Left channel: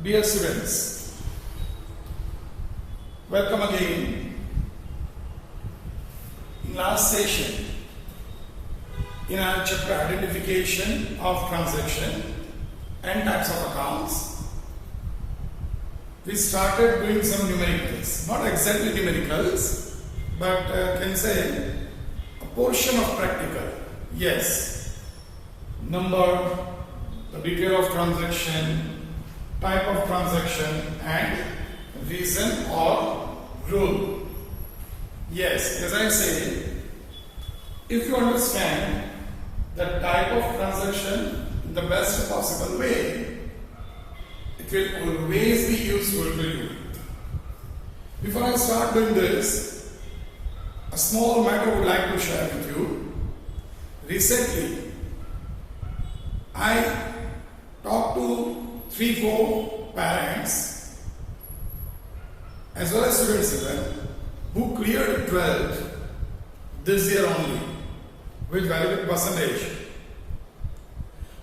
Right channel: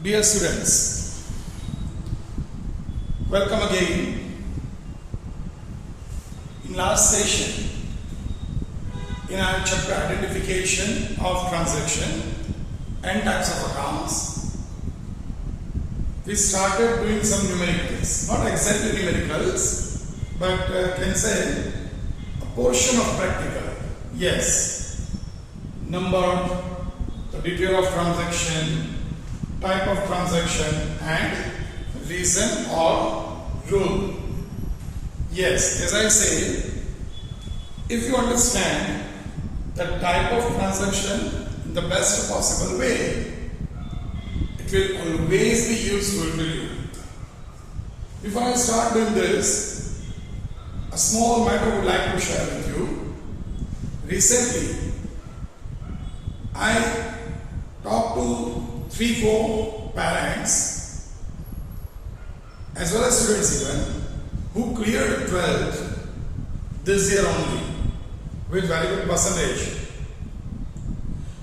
Dear students, welcome again. In last session, in our chapter identification of transaction and types of accounts, we started doing some numericals, not exactly numericals, but can say a portion of practical. Yes, number, the detail of transaction, type of transaction and reason or rule. Yes, as I say, if you understand the type of transaction in the best possible way, it will always be useful to you. Before I start doing this, a small matter I would like to share with you. Recently, I talked to 3-4 parents as well as students even who cleared 12th this year only with very good percentage.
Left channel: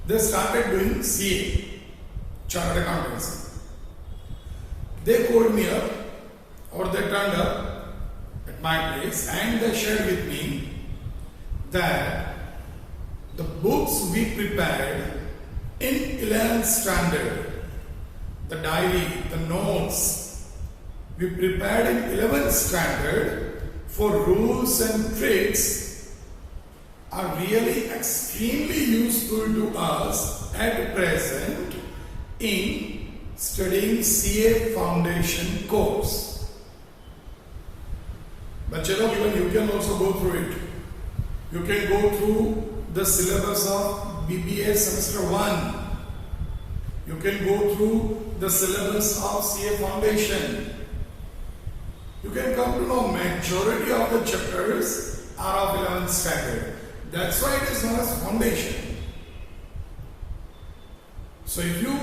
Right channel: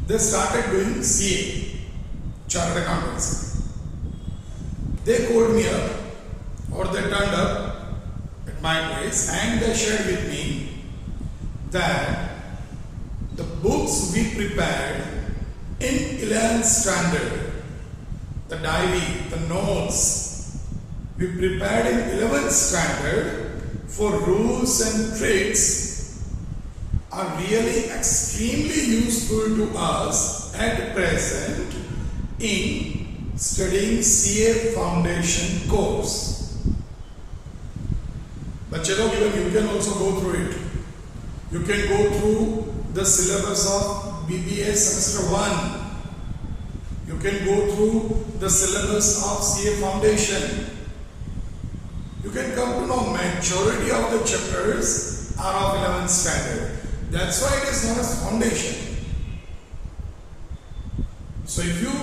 They started doing CA, Chartered Accountancy. They called me up or they turned up at my place and they shared with me that the books we prepared in 11th standard, the diary, the notes we prepared in 11th standard for rules and tricks are really extremely useful to us at present in studying CA foundation course. But even you can also go through it. You can go through the syllabus of BBA semester 1. You can go through the syllabus of CA foundation. You can come to know majority of the chapters are of 11th standard. That's why it is known as foundation. So if you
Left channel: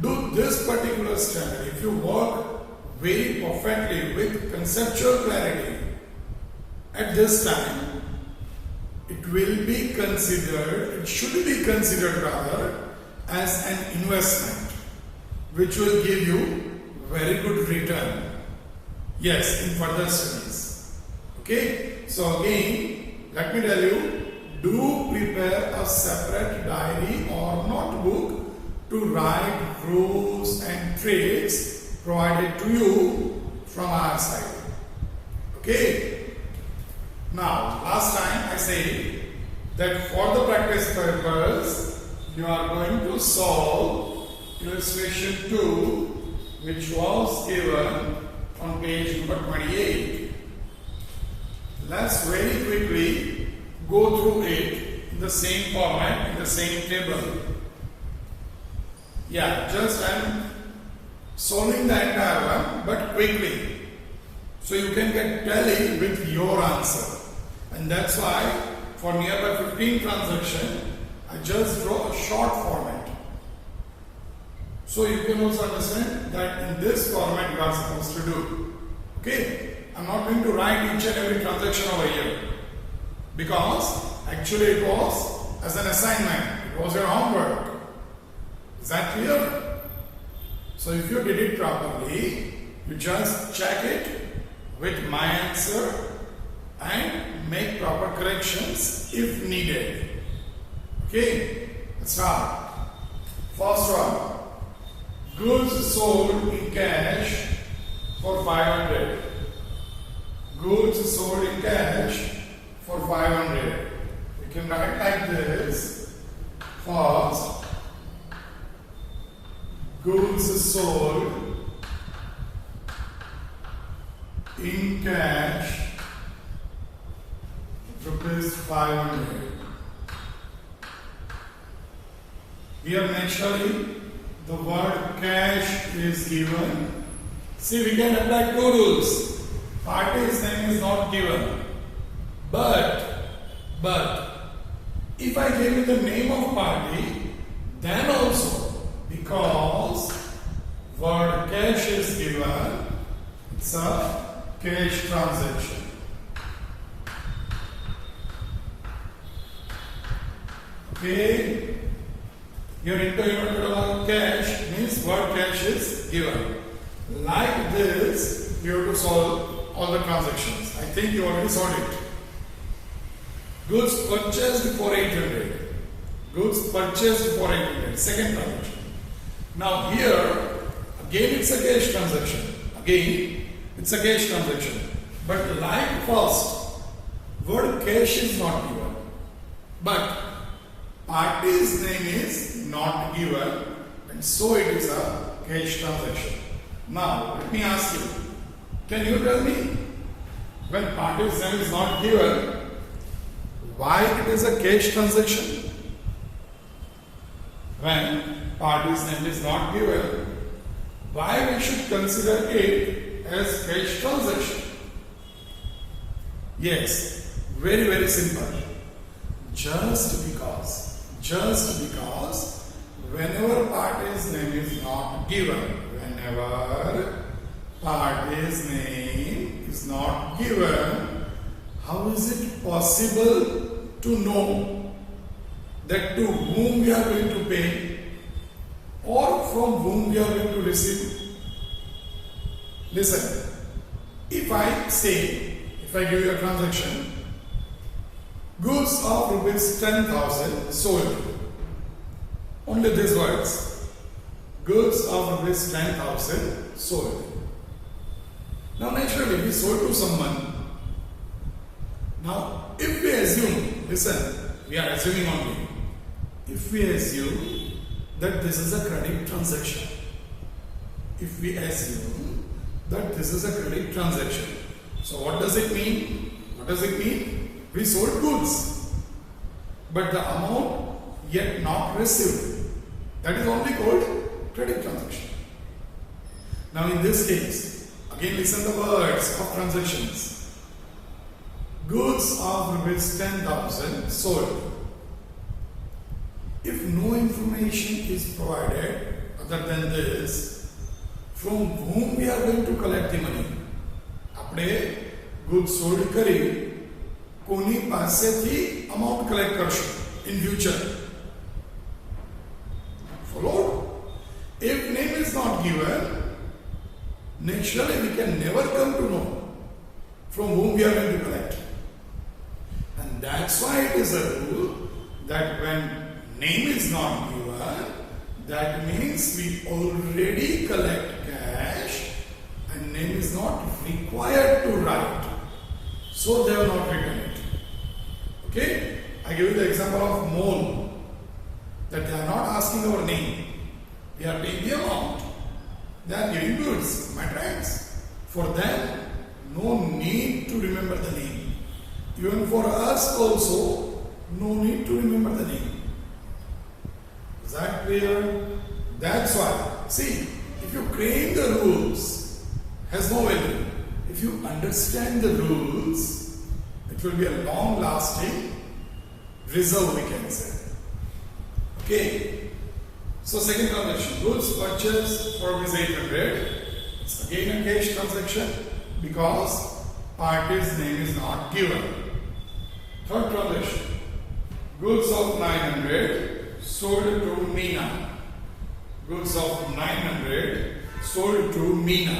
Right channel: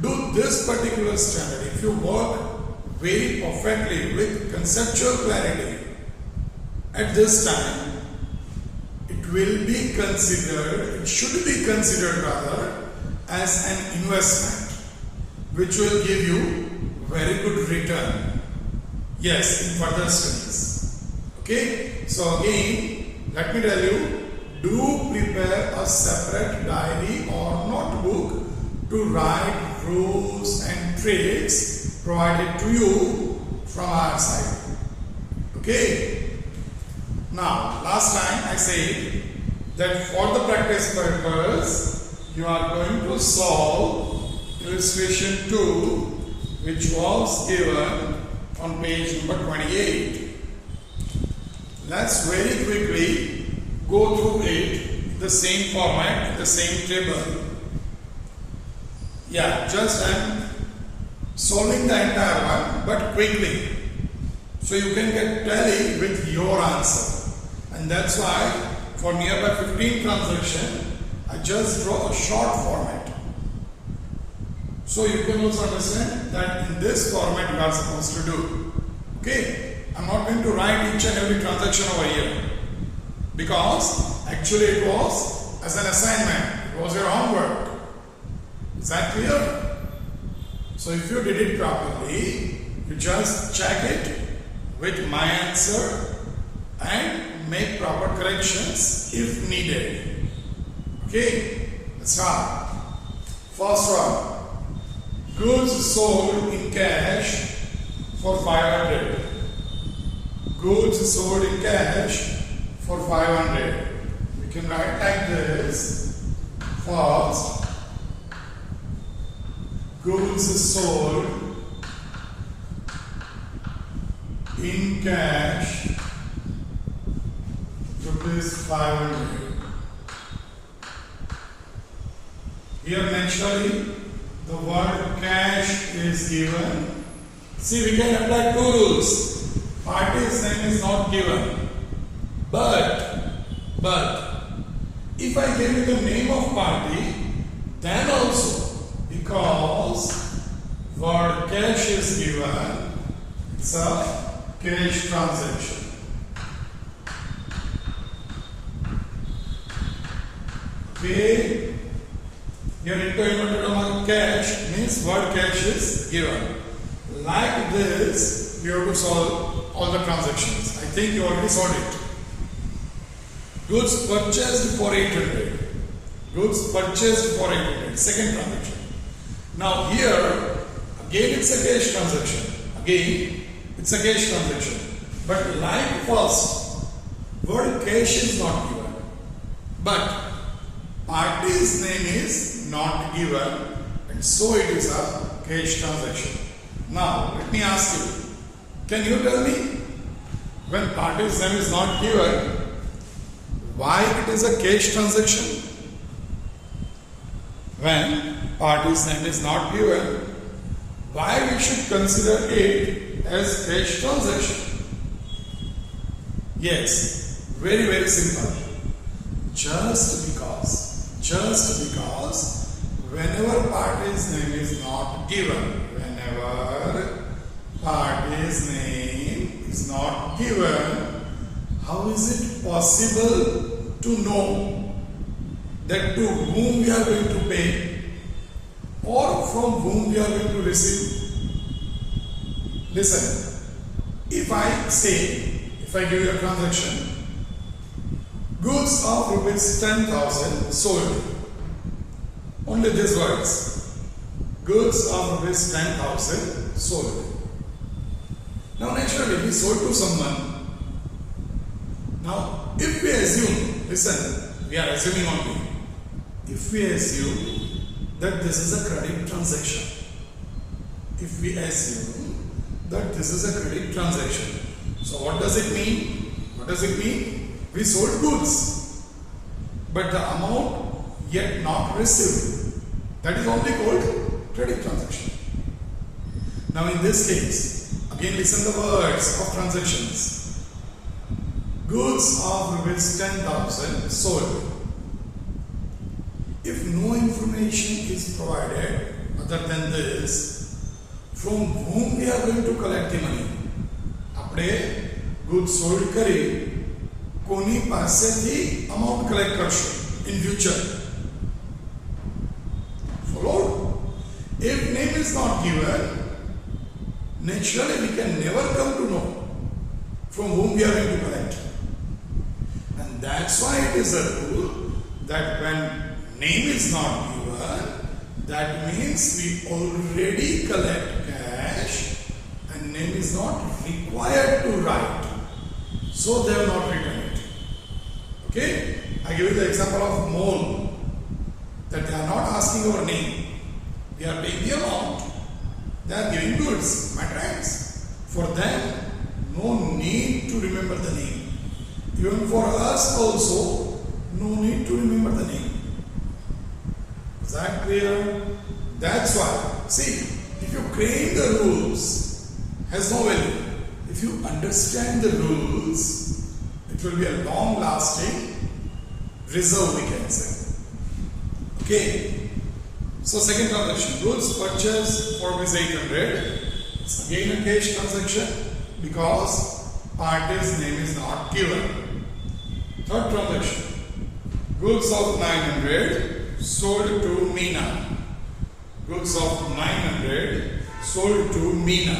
do this particular standard, if you work very perfectly with conceptual clarity at this time, it will be considered, it should be considered rather, as an investment which will give you very good return. Yes, in further studies. Okay, so again, let me tell you, do prepare a separate diary or notebook to write rules and tricks provided to you from our side. Okay. Now, last time I said that for the practice purpose, you are going to solve illustration 2, which was given on page number 28. Let's very quickly go through it in the same format, in the same table. Yeah, just I'm solving the entire one, but quickly, so you can get tally with your answer. And that's why for nearby 15 transaction, I just draw a short format. So you can also understand that in this format you are supposed to do. Okay, I'm not going to write each and every transaction over here because actually it was as an assignment. It was your homework. Is that clear? So if you did it properly, you just check it with my answer and make proper corrections if needed. Okay, let's start. First one, goods sold in cash for 500. Goods sold in cash for 500. We can write like this. First, goods sold in cash rupees 500. Here naturally the word cash is given. See, we can apply 2 rules. Party's name is not given. But if I give you the name of party, then also because word cash is given, it's a cash transaction. Okay, Here into inverted comma cash means word cash is given. Like this, you have to solve all the transactions. I think you already solved it. Goods purchased for 800. Goods purchased for 800. Second transaction. Now here, again it's a cash transaction. Again, it's a cash transaction. But like first, word cash is not given. But party's name is not given, and so it is a cash transaction. Now, let me ask you, can you tell me when party's name is not given, why it is a cash transaction? When party's name is not given, why we should consider it as cash transaction? Yes, very, very simple. Just because whenever party's name is not given, how is it possible to know that to whom we are going to pay or from whom we are going to receive? Listen, if I give you a transaction, goods of rupees 10,000 sold. Only these words. Goods of rupees 10,000 sold. Now naturally we sold to someone. Now if we assume, listen, we are assuming only. If we assume that this is a credit transaction. So what does it mean? We sold goods, but the amount yet not received, that is only called credit transaction. Now in this case, again listen the words of transactions. Goods of rupees 10,000 sold. If no information is provided other than this, from whom we are going to collect the money? આપણે goods sold કરી કોની પાસેથી amount collect કરશું in future? Followed? If name is not given, naturally we can never come to know from whom we are going to collect. And that's why it is a rule that when name is not given, that means we already collect cash and name is not required to write. So they have not written it. Okay? I give you the example of mall. That they are not asking our name. They are paying the amount. They are giving goods, materials. For them, no need to remember the name. Even for us also, no need to remember the name. Is that clear? That's why. See, if you claim the rules, has no value. If you understand the rules, it will be a long-lasting reserve, we can say. Okay. So second transaction, goods purchased for rupees 800. It's again a cash transaction because party's name is not given. Third transaction, goods of 900 sold to Meena. Goods of 900 sold to Meena.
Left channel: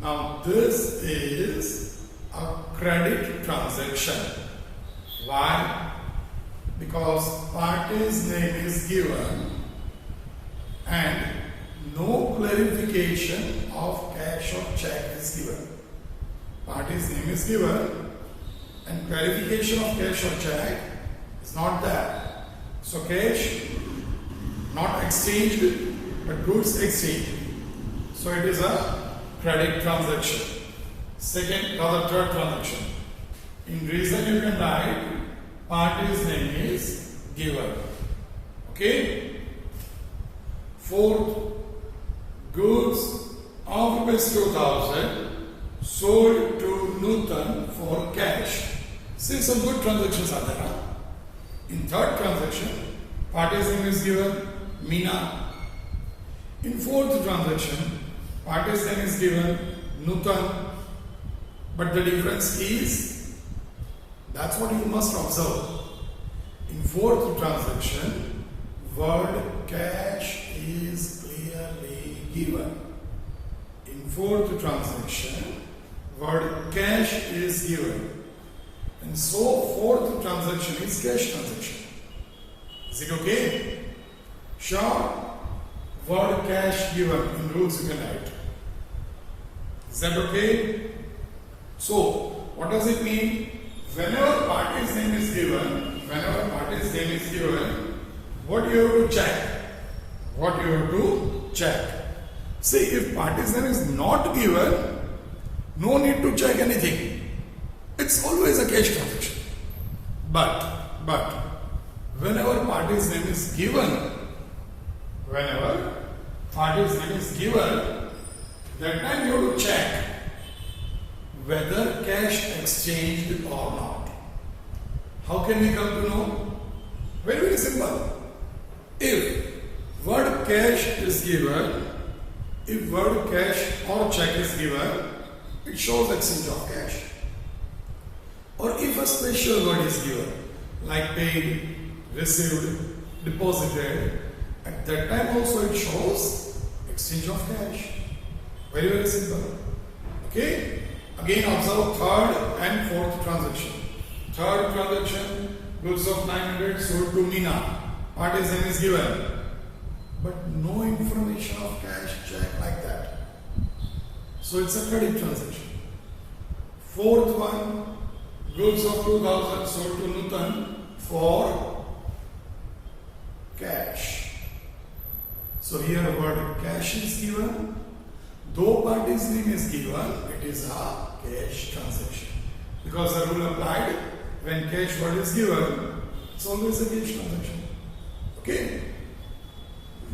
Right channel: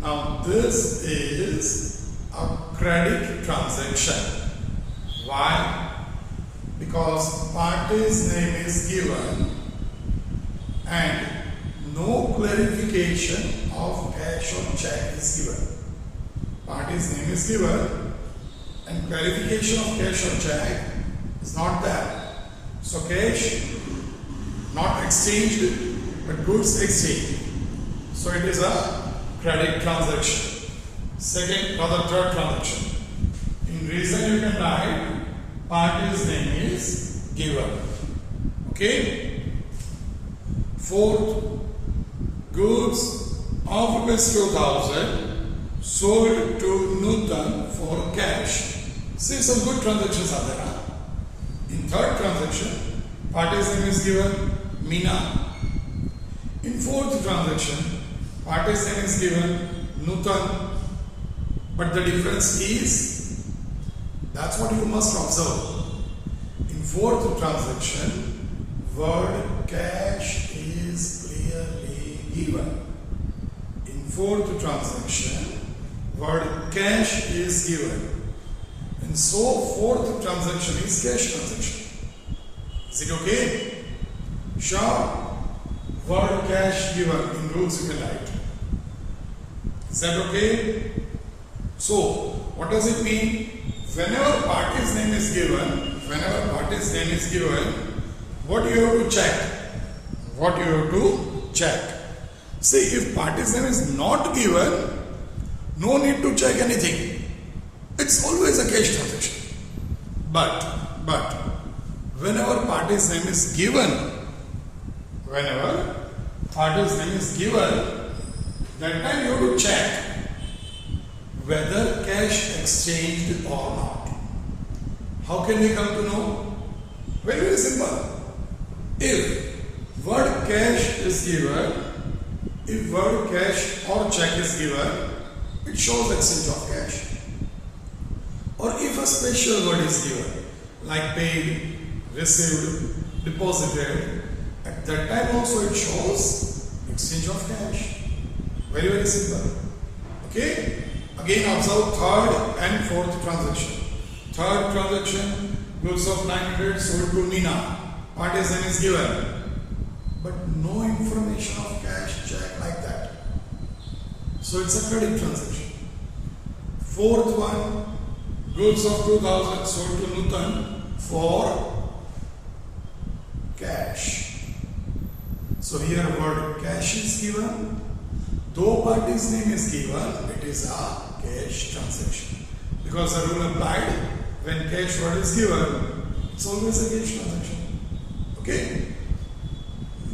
Now this is a credit transaction. Why? Because party's name is given and no clarification of cash or check is given. Party's name is given and clarification of cash or check is not there. So cash not exchanged but goods exchanged. So it is a credit transaction. Second or the third transaction. In reason you can write party's name is given. Okay? Fourth, goods of rupees 2,000 sold to Nutan for cash. See, some good transactions are there. Huh? In third transaction, party's name is given, Meena. In fourth transaction, party's name is given, Nutan. But the difference is, that's what you must observe. In fourth transaction, word cash is clearly given. In fourth transaction, word cash is given. And so fourth transaction is cash transaction. Is it okay? Sure. Word cash given in rules you can write. Is that okay? So, what does it mean? Whenever party's name is given, what you have to check? See, if party's name is not given, no need to check anything. It's always a cash transaction. But, whenever party's name is given, that time you have to check whether cash exchanged or not. How can we come to know? Very, very simple. If word cash is given, if word cash or check is given, it shows exchange of cash. Or if a special word is given, like paid, received, deposited, at that time also it shows exchange of cash. Very, very simple. Okay? Again observe third and fourth transaction. Third transaction, goods of 900 sold to Meena. Party's name is given. But no information of cash check like that. So it's a credit transaction. Fourth one, goods of 2000 sold to Nutan for cash. So here word cash is given. Though party's name is given, it is a cash transaction. Because the rule applied, when cash word is given, it's always a cash transaction. Okay?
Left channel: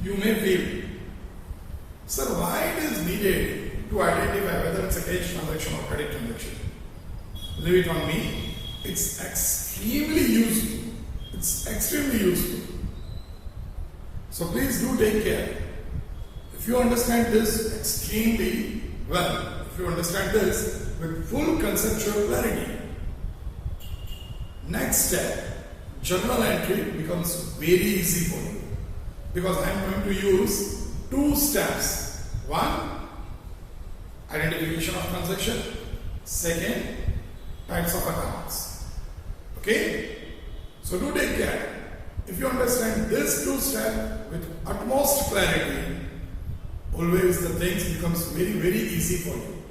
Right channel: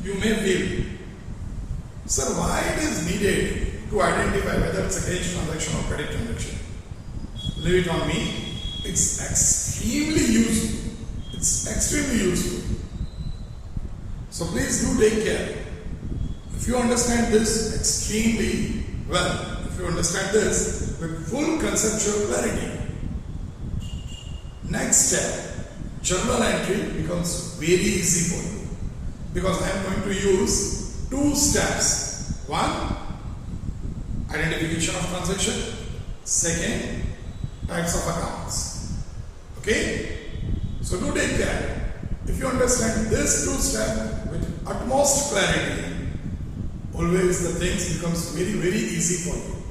You may feel, sir, why it is needed to identify whether it's a cash transaction or credit transaction? Leave it on me. It's extremely useful. So please do take care. If you understand this extremely well, if you understand this with full conceptual clarity, next step, journal entry becomes very easy for you. Because I am going to use two steps. One, identification of transaction. Second, types of accounts. Okay? So do take care. If you understand this two steps with utmost clarity, always the things becomes very, very easy for you.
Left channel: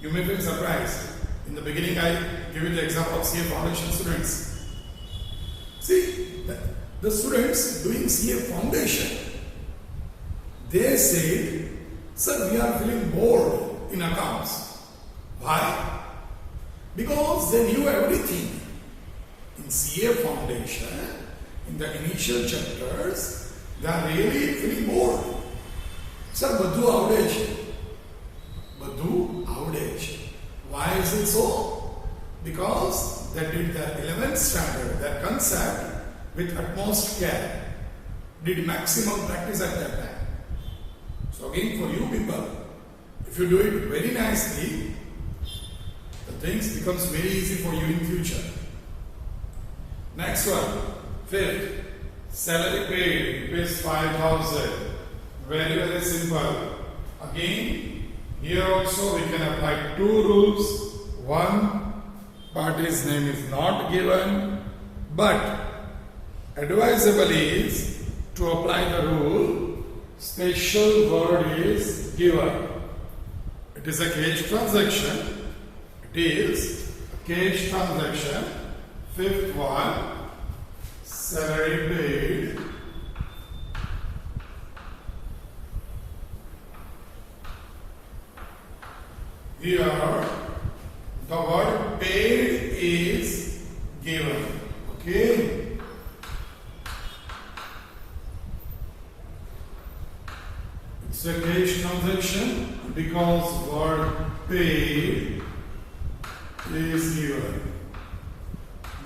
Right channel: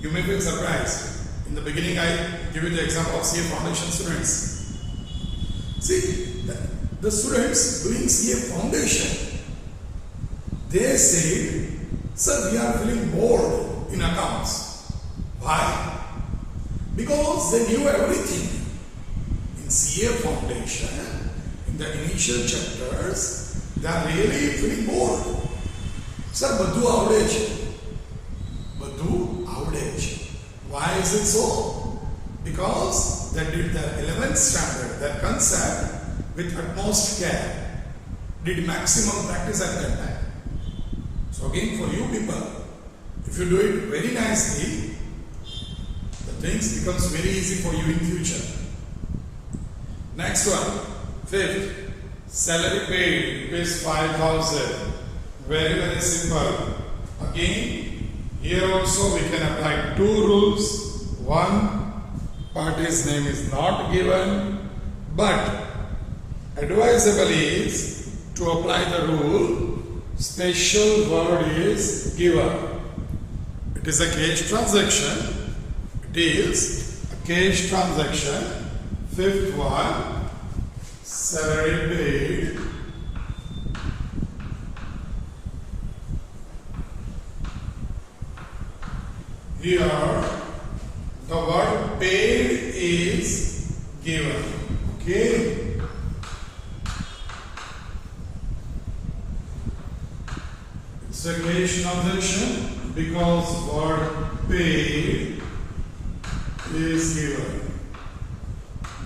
You may feel surprised. In the beginning, I give you the example of CA Foundation students. See, the students doing CA Foundation, they said, sir, we are feeling bored in accounts. Why? Because they knew everything. In CA Foundation, in the initial chapters, they are really feeling bored. Sir, બધું આવડે છે. Why is it so? Because they did the 11th standard, that concept, with utmost care, did maximum practice at that time. So again, for you people, if you do it very nicely, the things becomes very easy for you in future. Next one, fifth, salary paid, rupees 5,000. Very, very simple. Again, here also we can apply two rules. One, party's name is not given, but advisable is to apply the rule, special word is given. It is a cash transaction. Fifth one, salary paid. Here, the word paid is given. Okay? It's a cash transaction because word paid is given.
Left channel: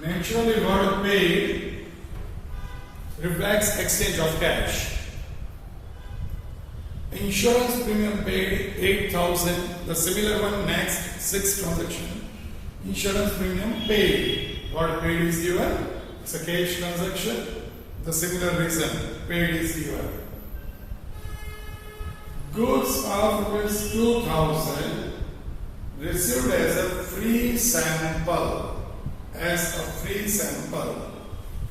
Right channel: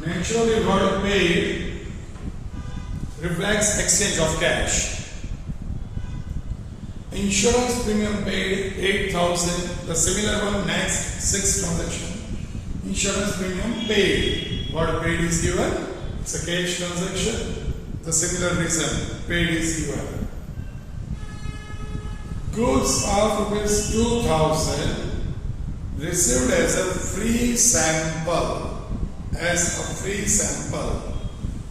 Naturally, word paid reflects exchange of cash. Insurance premium paid 8,000. The similar one next, sixth transaction. Insurance premium paid. What paid is given? It's a cash transaction. the similar reason paid is given. Goods of ₹2,000 received as a free sample.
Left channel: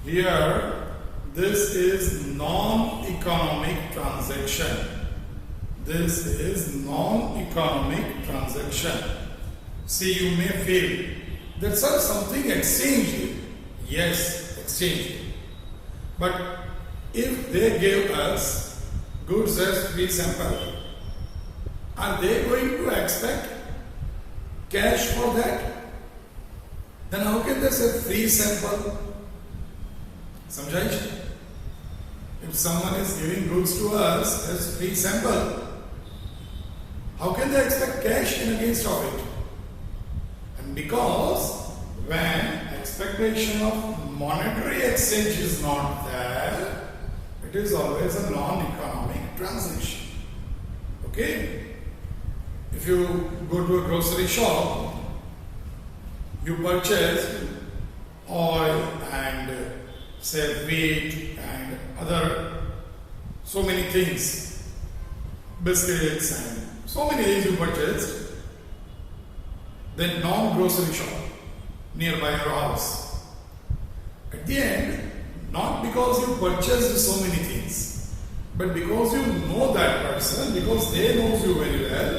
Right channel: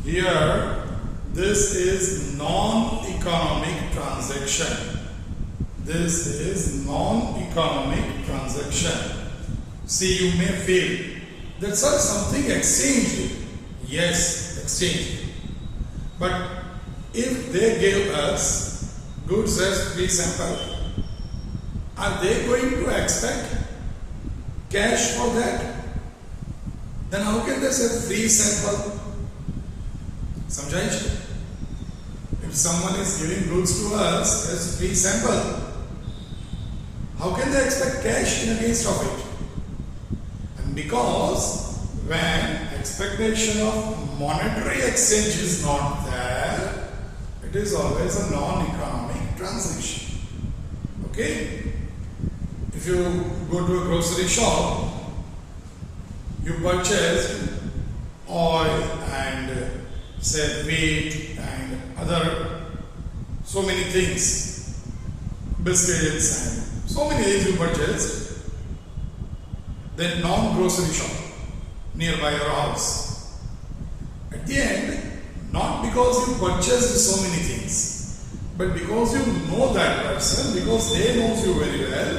Here, this is non-economic transaction. See, you may feel that sir, something exchanged. Yes, exchanged. But if they gave us goods as free sample, are they going to expect cash for that? Then how can they say free sample? समझाइए? If someone is giving goods to us as free sample, how can they expect cash in against of it? And because when expectation of monetary exchange is not there, it is always a non-economic transaction. Okay? If you go to a grocery shop, you purchase oil and say wheat and other so many things, biscuits and so many things you purchased, then non-grocery shop nearby your house. At the end, not because you purchased so many things, but because you know that person, because they know you very well,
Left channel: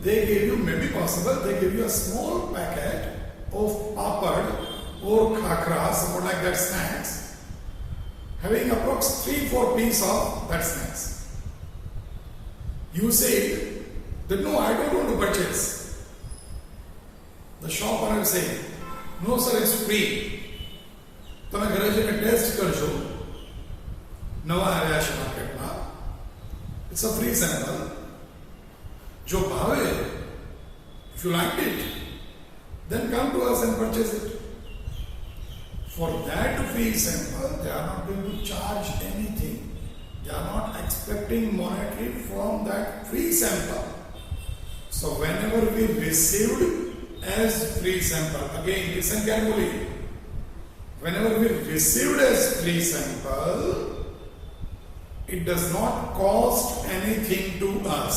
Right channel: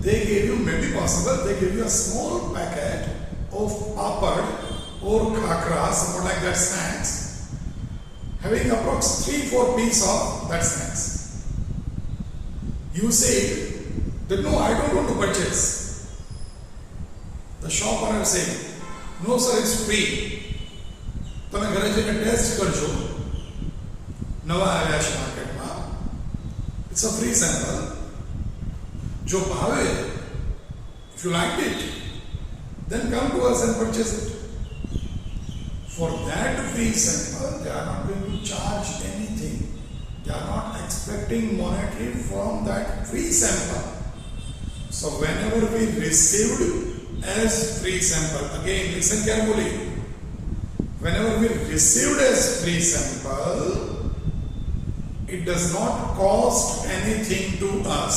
they gave you, maybe possible, they give you a small packet of papad or khakra, somewhat like that snacks, having approx 3-4 pieces of that snacks. You say that no, I don't want to purchase. The shop owner say, no sir, it's free. તમે ઘરે જઈને test કરજો, નવા આવ્યા છે માર્કેટમાં, it's a free sample. જો ભાવે, if you like it, then come to us and purchase it. For that free sample, they are not going to charge anything. They are not expecting monetary from that free sample. So whenever we received as free sample, again listen carefully, whenever we received as free sample, it does not cost anything to us.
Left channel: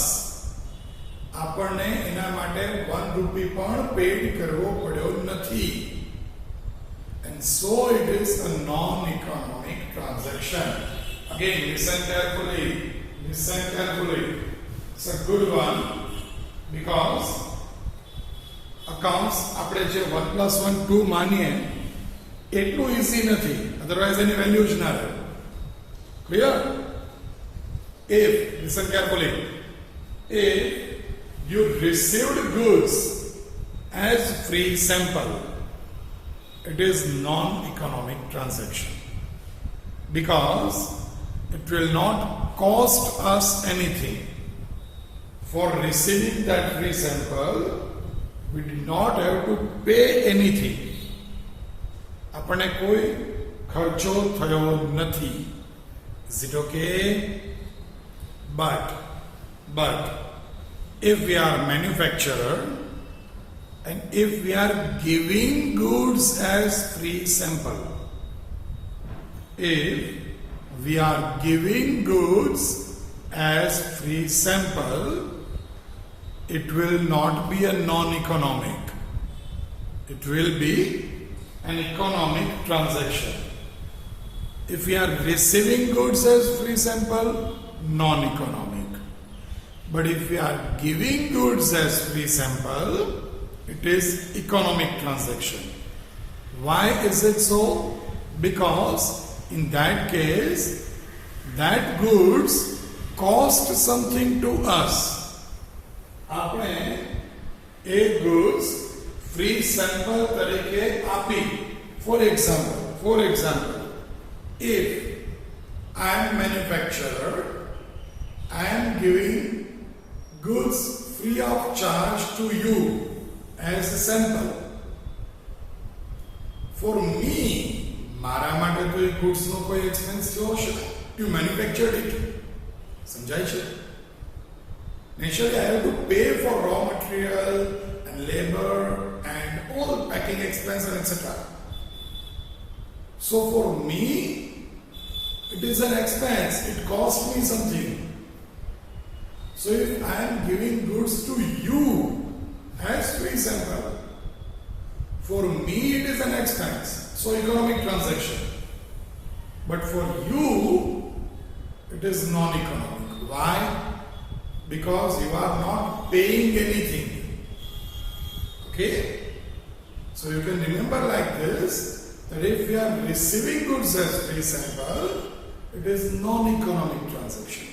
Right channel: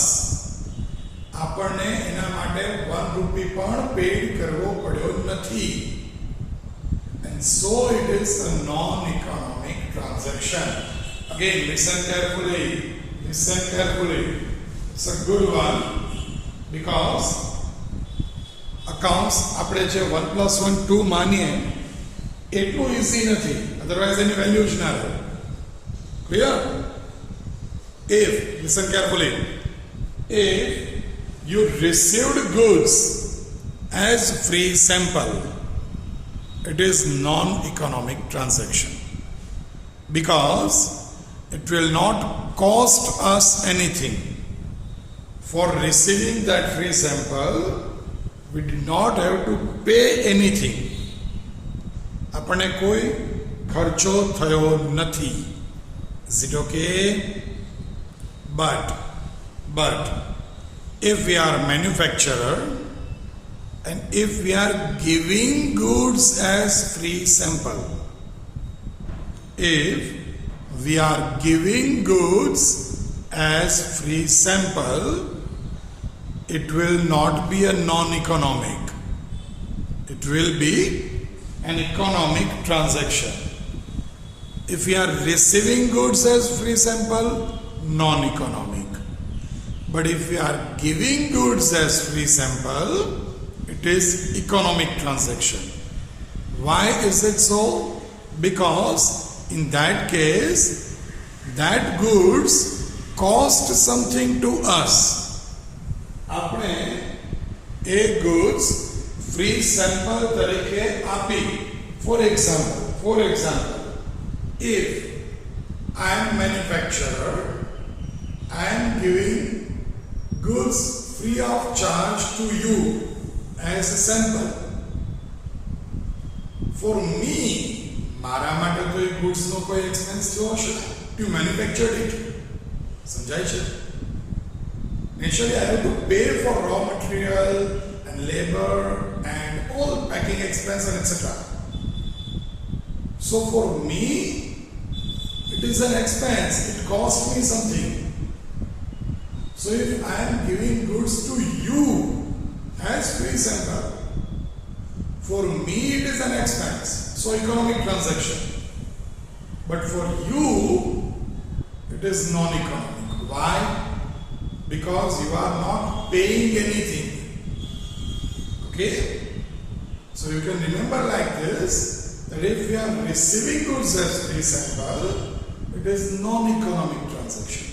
આપણને એના માટે 1 રૂપી પણ pad કરવો પડ્યો નથી. And so it is a non-economic transaction. Again, listen carefully. It's a good one, because accounts આપણે જે 1 + 1 2 માનીએ એટલું easy નથી, otherwise any value જ ના રહે. Clear? If, listen carefully, if you received goods as free sample, it is non-economic transaction, because it will not cost us anything. For receiving that free sample, we did not have to pay anything. આપણને કોઈ ખર્ચો થયો નથી. Is it okay? But if we are manufacturer and if we are giving goods as free sample, if we are giving goods as free sample, it will not be a non-economic. It will be an economic transaction. If we are receiving goods as free sample, non-economic. But if we are giving goods as free sample, it is economic transaction. Why is it so? Because in that case, that goods cost something to us. આપણે એ goods free sample તરીકે આપી. For example, if I am manufacturer, I am giving goods free of charge to you as a sample. For me, મારા માટે તો એ goods નો કોઈ expense થયો હશે. You manufactured it. સમજાય છે? Naturally, I have to pay for raw material and labor and all packing expense and etc. So for me, It is an expense. It cost me something. So if I am giving goods to you as free sample, for me it is an expense. So economic transaction. But for you, it is non-economic. Why? Because you are not paying anything. Okay? So you can remember like this, that if we are receiving goods as free sample, it is non-economic transaction.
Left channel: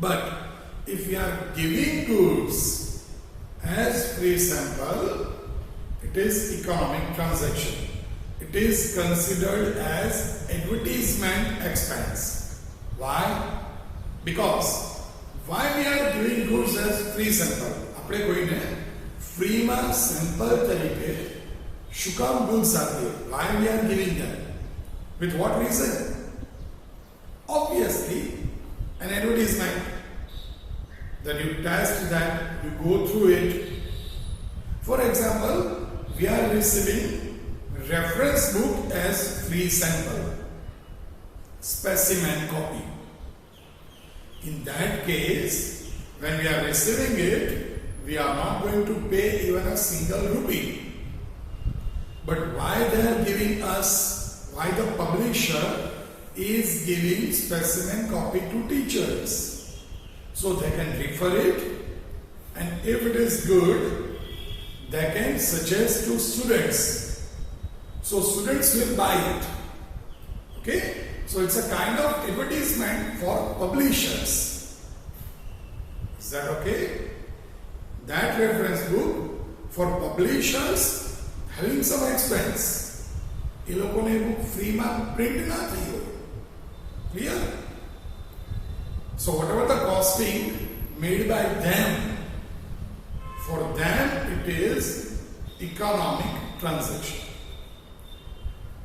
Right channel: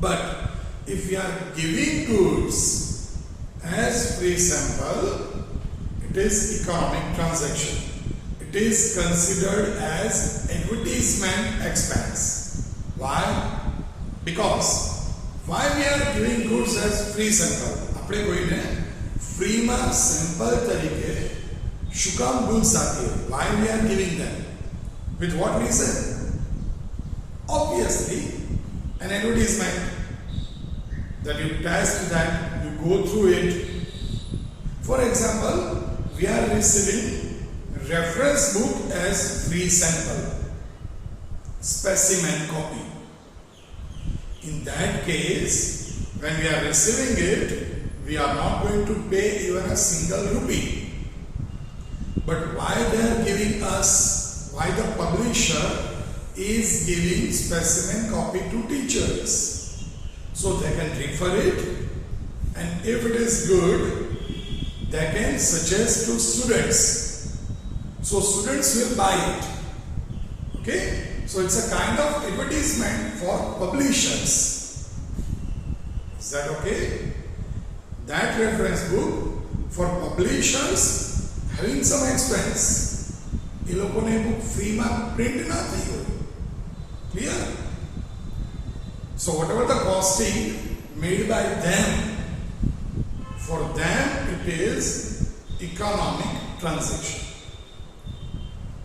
But if we are giving goods as free sample, it is economic transaction. It is considered as advertisement expense. Why? Because why we are giving goods as free sample? આપણે કોઈને ફ્રીમાં sample તરીકે શું કામ goods આપીએ? Why we are giving them? With what reason? Obviously, an advertisement. That you test that, you go through it. For example, we are receiving reference book as free sample, specimen copy. In that case, when we are receiving it, we are not going to pay even a single rupee. But why they are giving us, why the publisher is giving specimen copy to teachers? So they can refer it, and if it is good, they can suggest to students. So students will buy it. Okay? So it's a kind of advertisement for publishers. Is that okay? That reference book for publishers having some expense. એ લોકોને book free માં print ના થઈ હોય. Clear? So whatever the costing made by them, for them it is economic transaction.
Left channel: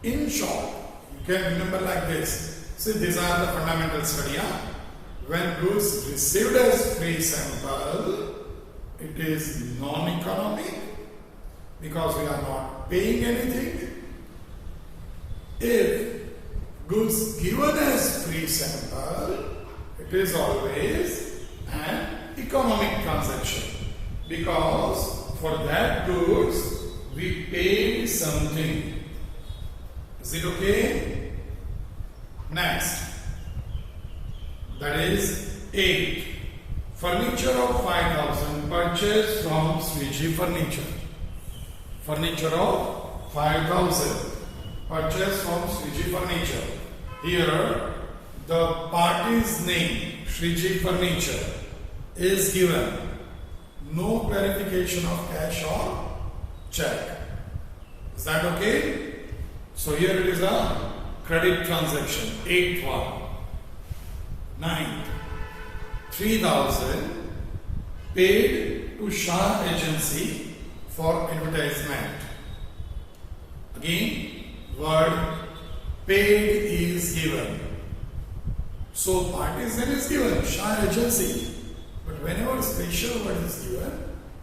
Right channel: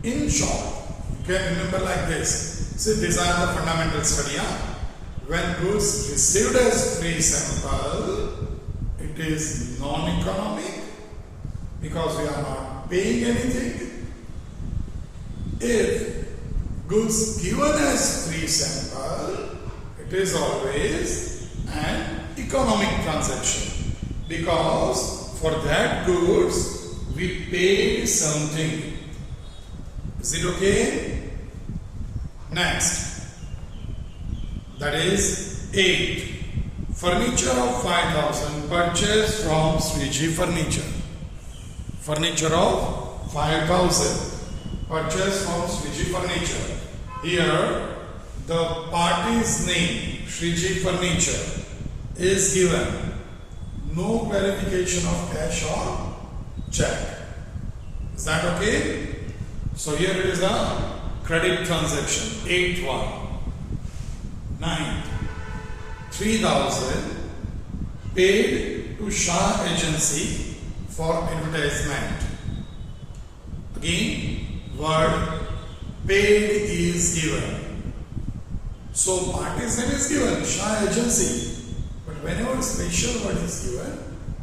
In short, you can remember like this. See, these are the fundamental study. When goods received as free sample, it is non-economic because we are not paying anything. If goods given as free sample, it is always an economic transaction because for that goods we paid something. Is it okay? Next, that is 8. Furniture of 5,000 purchased from Swiji Furniture. Furniture of 5,000 purchased from Swiji Furniture. Here, the party's name, Shriji Furniture, is given. No clarification of cash or check. Is that okay? So here it is a credit transaction. 8-1. 9. 3,000 paid to Shah Agency for advertisement. Again, word paid is given. So party's name is given, Shah Agency. But whenever special word is given,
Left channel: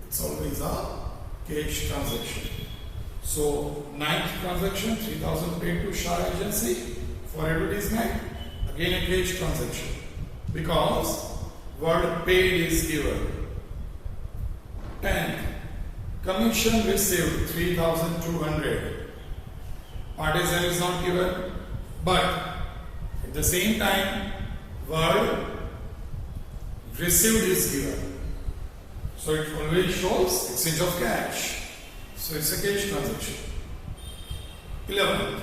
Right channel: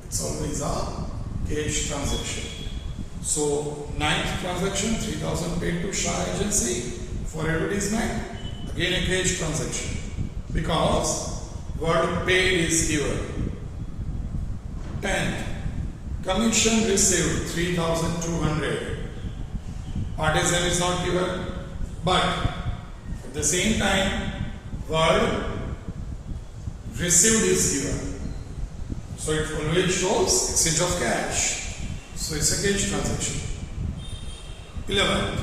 it's always a cash transaction. So 9th transaction, 3,000 paid to Shah Agency for advertisement. Again a cash transaction. Because word paid is given. 10th, commission received 3,200. Party's name is not given, but at the same time, word received is given. So it always shows exchange of cash. So it's a cash transaction. 11th,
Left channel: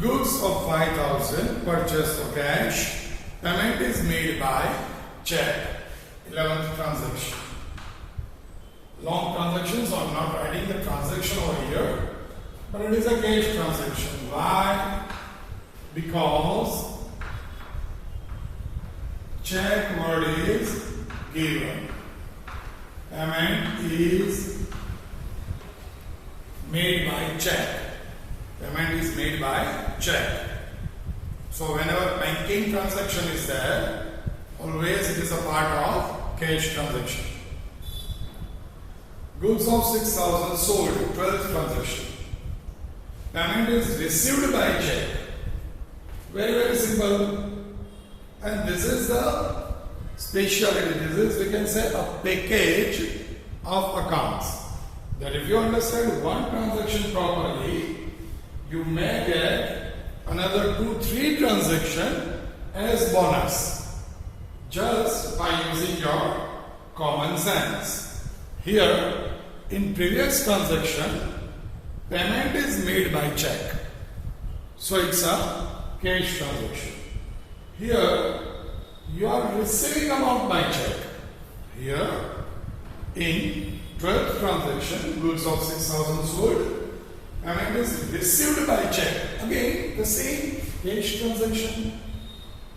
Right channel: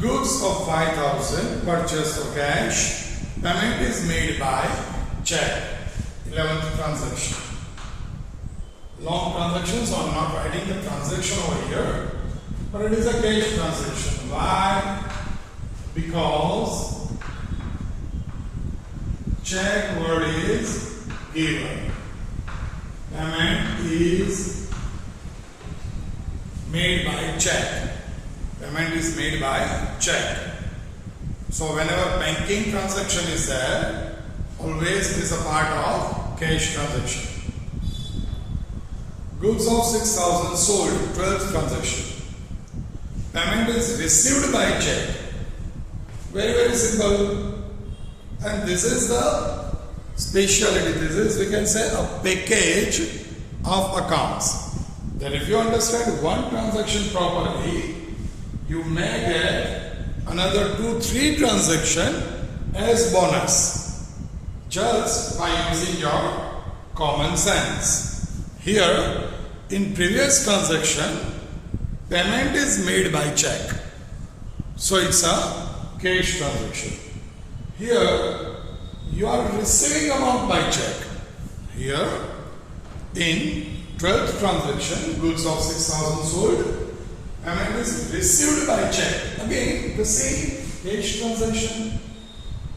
goods of 5,000 purchased for cash. Payment is made by check. 11th transaction. Long transactions, so I'm not writing the transaction over here, but it is a cash transaction. Why? Because check word is given. Payment is made by check. Payment is made by check. So whenever banking transaction is there, always it is a part of cash transaction. Goods of 6,000 sold, 12th transaction. Payment is received by check. Very, very simple. And this is the speciality. This is, we can say, a package of accounts. That if you understand one transaction properly, you may get another 2-3 transactions as bonus just by using your common sense. Here, in previous transaction, payment is made by check. So it's a cash transaction. Here, you are receiving amount by check. Here, in 12th transaction, goods of 6,000 sold, payment is received by check. Again, the same cash transaction,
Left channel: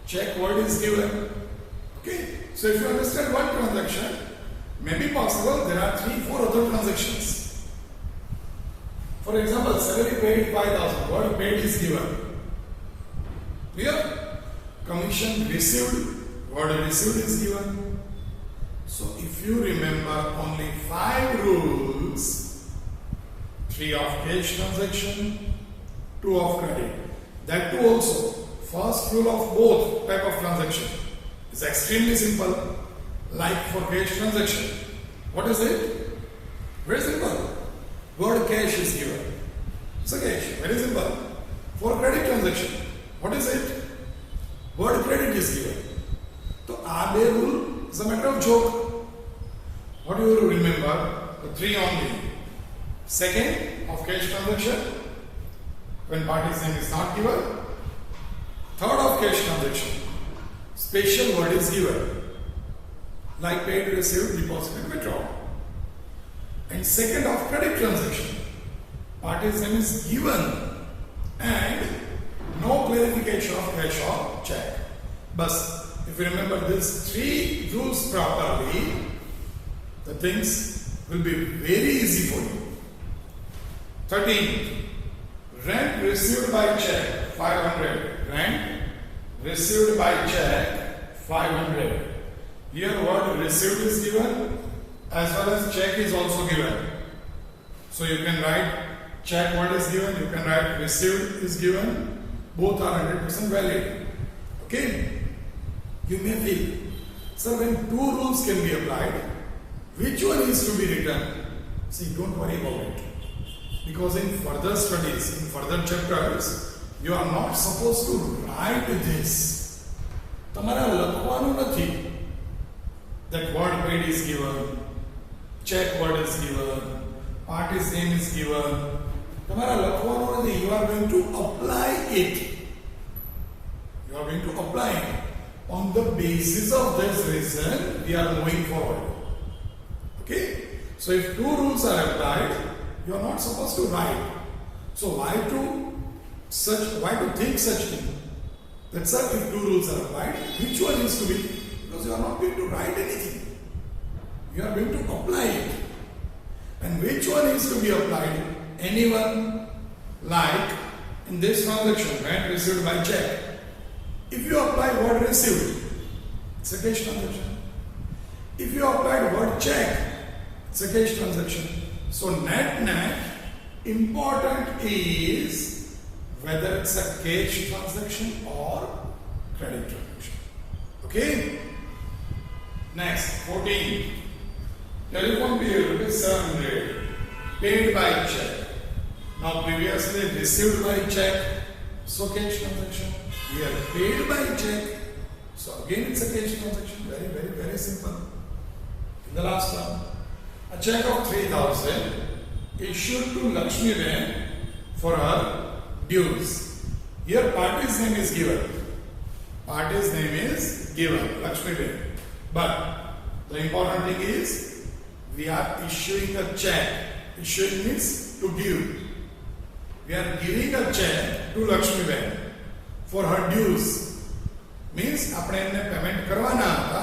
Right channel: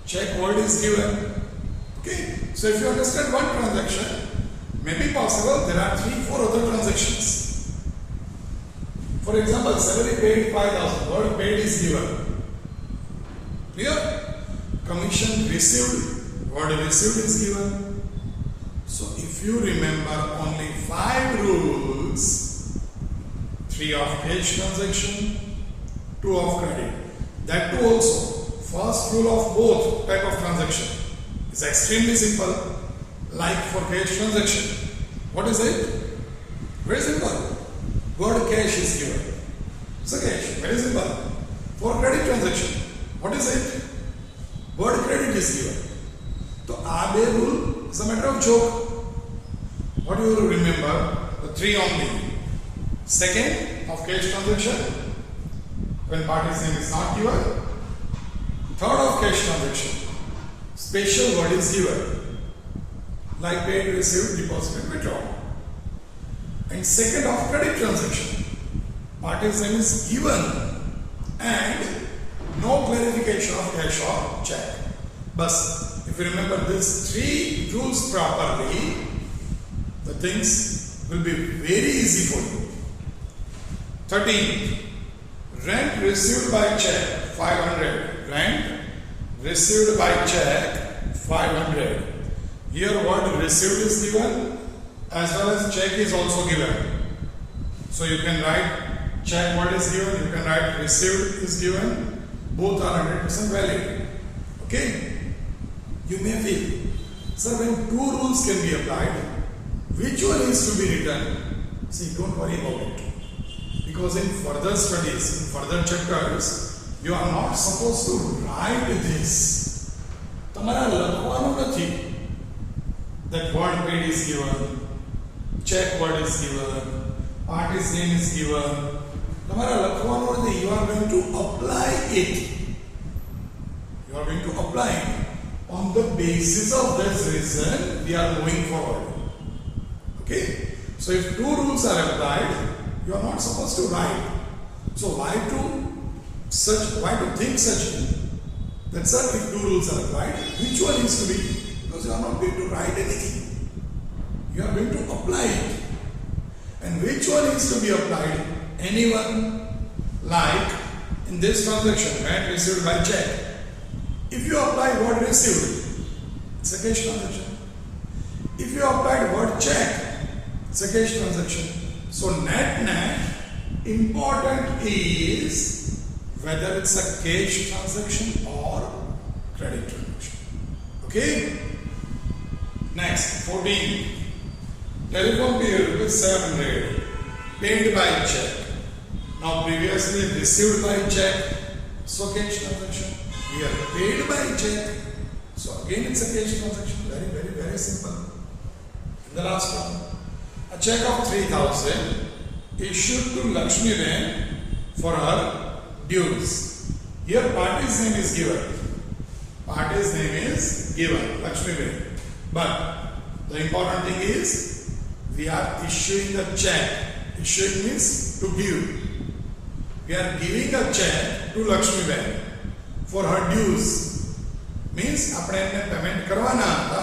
check word is given. Okay, so if you understand one transaction, may be possible there are 3-4 other transactions. For example, salary paid 5,000, word paid is given. Clear? Commission received, word received is given. So if you remember only 5 rules, 3 of cash transaction, 2 of credit. That too also, first rule of both type of transaction is extremely simple. Like for cash transaction, what is it? Very simple. Word cash is given. So cash, very simple. For credit transaction, what is it? Word credit is given. So our rule is a matter of joke. What do you remember? The 3 only. Second of cash transaction, when party's name is not given. Third of cash transaction, special word is given. Like paid, received, deposited, withdrawn. And second of credit transaction, party's name is given and no clarification of cash or check. But if you remember these 3 rules properly, the things will be very easy for you. 13. Rent received by check 500. Rent received by check 500. Here word received is given as well as check is also given. So you can write check word is given, you can write received is given. Both are 100% valid. Okay? You may feel, sir, when 2 rules can be applied, which one is to be written? See, don't worry about it. Because in further studies, in further chapters, you are not supposed to write this. Tamara lakhwanu nathi. That word paid is given, check word is given, party's name is given. Tamara lakhwanu nathi. You are going to apply it. You are going to apply it. On the basis of this reason, we are moving forward. Okay? So if 2 rules are applied, you are not supposed to write. So why to think such thing? That sir, if 2 rules are applied, which one is to be? Because you are not going to write anything. You are going to apply it. And which one is to be applied? Anyone, like in this transaction, rent received by check. If you apply word received, it's a cash transaction. If you apply word check, it's a cash transaction. So net, important is whether it's a cash transaction or credit transaction. Okay? Next, 14. Telephone bill is 700, paid by check. Now previously received by check, so cash transaction. Here paid by check, so again it's a cash transaction. Very, very, very simple. In the last one, a check of 3,000 issued to Lakshmi Ben for her dues. Here party's name is given. Party's name is given, Lakshmi Ben. But the important thing is we are issuing a check. Issuing means to give. We are giving a check to Lakshmi Ben for her dues. Means આપણે એમને payment કરવાના હતા.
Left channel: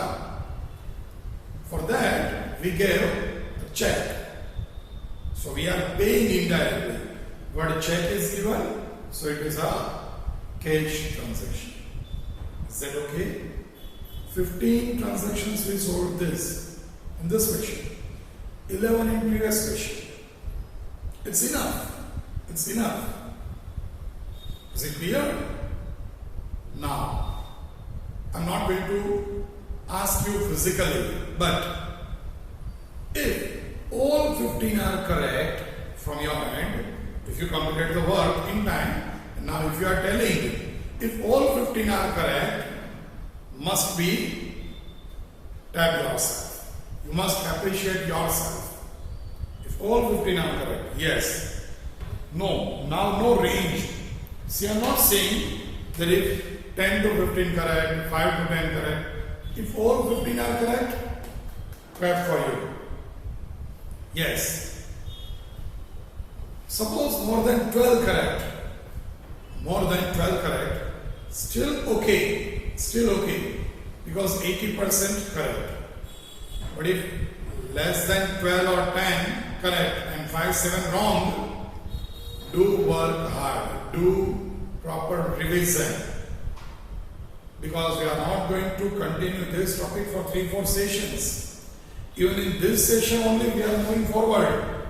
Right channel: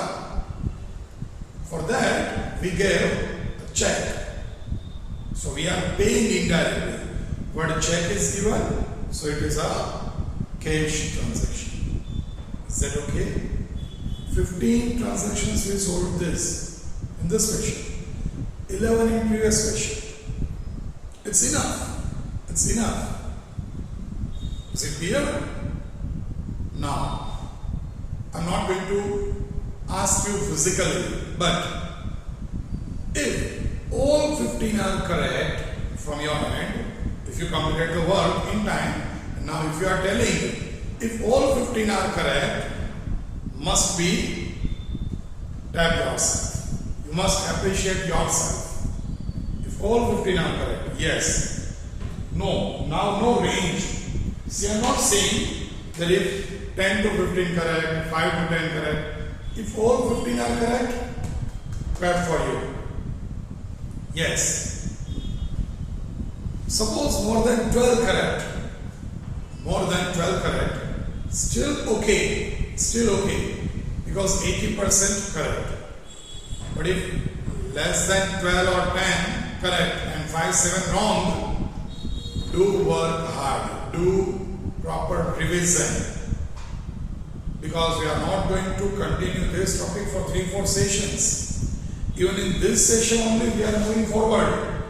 For that we gave a check. So we are paying indirectly. What check is given, so it is a cash transaction. Is that okay? 15 transactions we solved this in this question. 11 in previous question. It's enough. It's enough. Is it clear? Now, I'm not going to ask you physically, but if all 15 are correct from your end, if you completed the work in time, and now if you are telling if all 15 are correct, must be tap yourself. You must appreciate yourself. If all 15 are correct, yes. No, now no range. See, I'm not saying that if 10 to 15 correct, 5 to 10 correct. If all 15 are correct, clap for you. Yes. Suppose more than 12 correct. More than 12 correct. Still okay. Still okay. Because 80% correct. But if less than 12 or 10 correct and 5, 7 wrong, do work hard. Do proper revision. Because we are not going to continue this topic for 3-4 sessions. Even in this session only we are moving forward.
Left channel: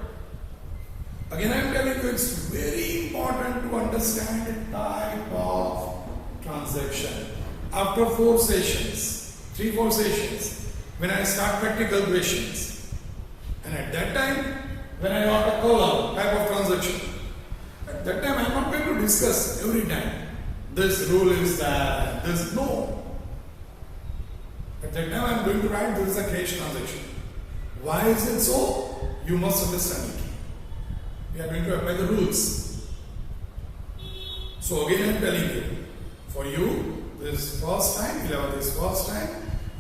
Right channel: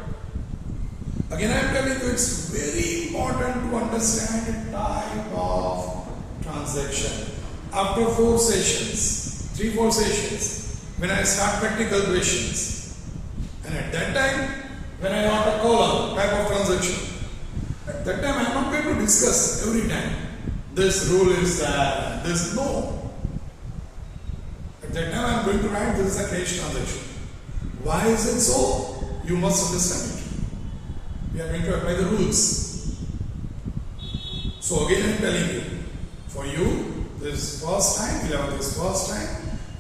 Again I am telling you, it's very important to understand the type of transaction. After 4 sessions, 3-4 sessions, when I start practical questions, and at that time when I want a column type of transaction, at that time I am not going to discuss every time this rule is that, this no. At that time I am going to write this is a cash transaction. Why is it so? You must understand it. We are going to apply the rules. So again I am telling you, for you, this is first time, 11th is first time.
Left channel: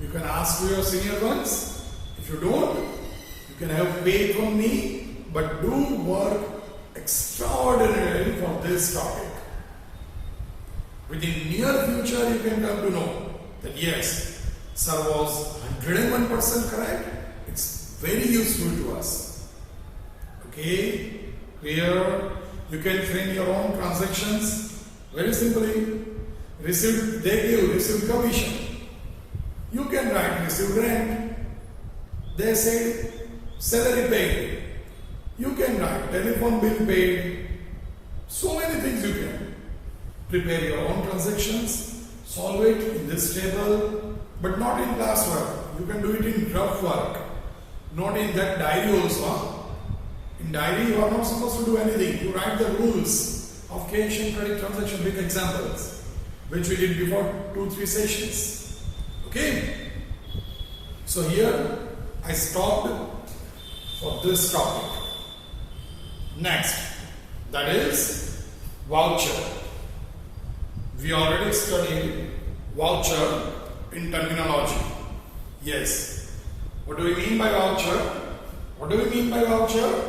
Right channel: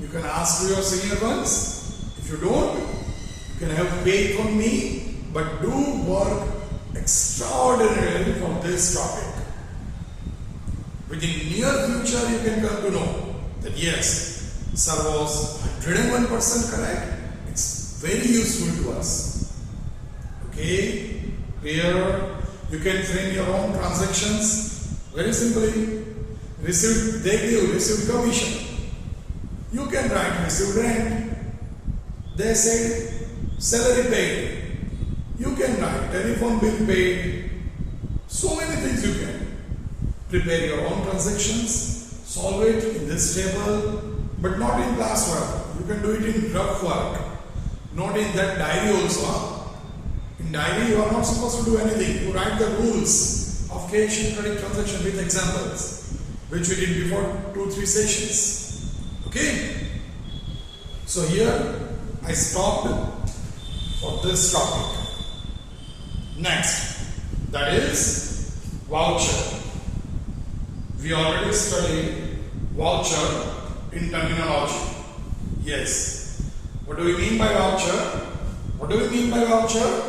You can ask to your senior ones. If you don't, you can have faith on me, but do work extraordinarily for this topic. Within near future, you can come to know that yes, sir was 101% correct. It's very useful to us. Okay, clear? You can frame your own transactions very simply. Received, they give received commission. You can write received rent. They said salary paid. You can write telephone bill paid. So many things you can. Prepare your own transactions, solve it in this table, but not in classwork. You can do it in rough work, not in that diary also. In diary, you are not supposed to do anything. You write the rules of cash and credit transaction with examples, which we did before 2-3 sessions. Okay? So here, I stopped for this topic. Next, that is voucher. We already studied voucher in terminology. Yes. What do we mean by voucher? What do we mean by voucher?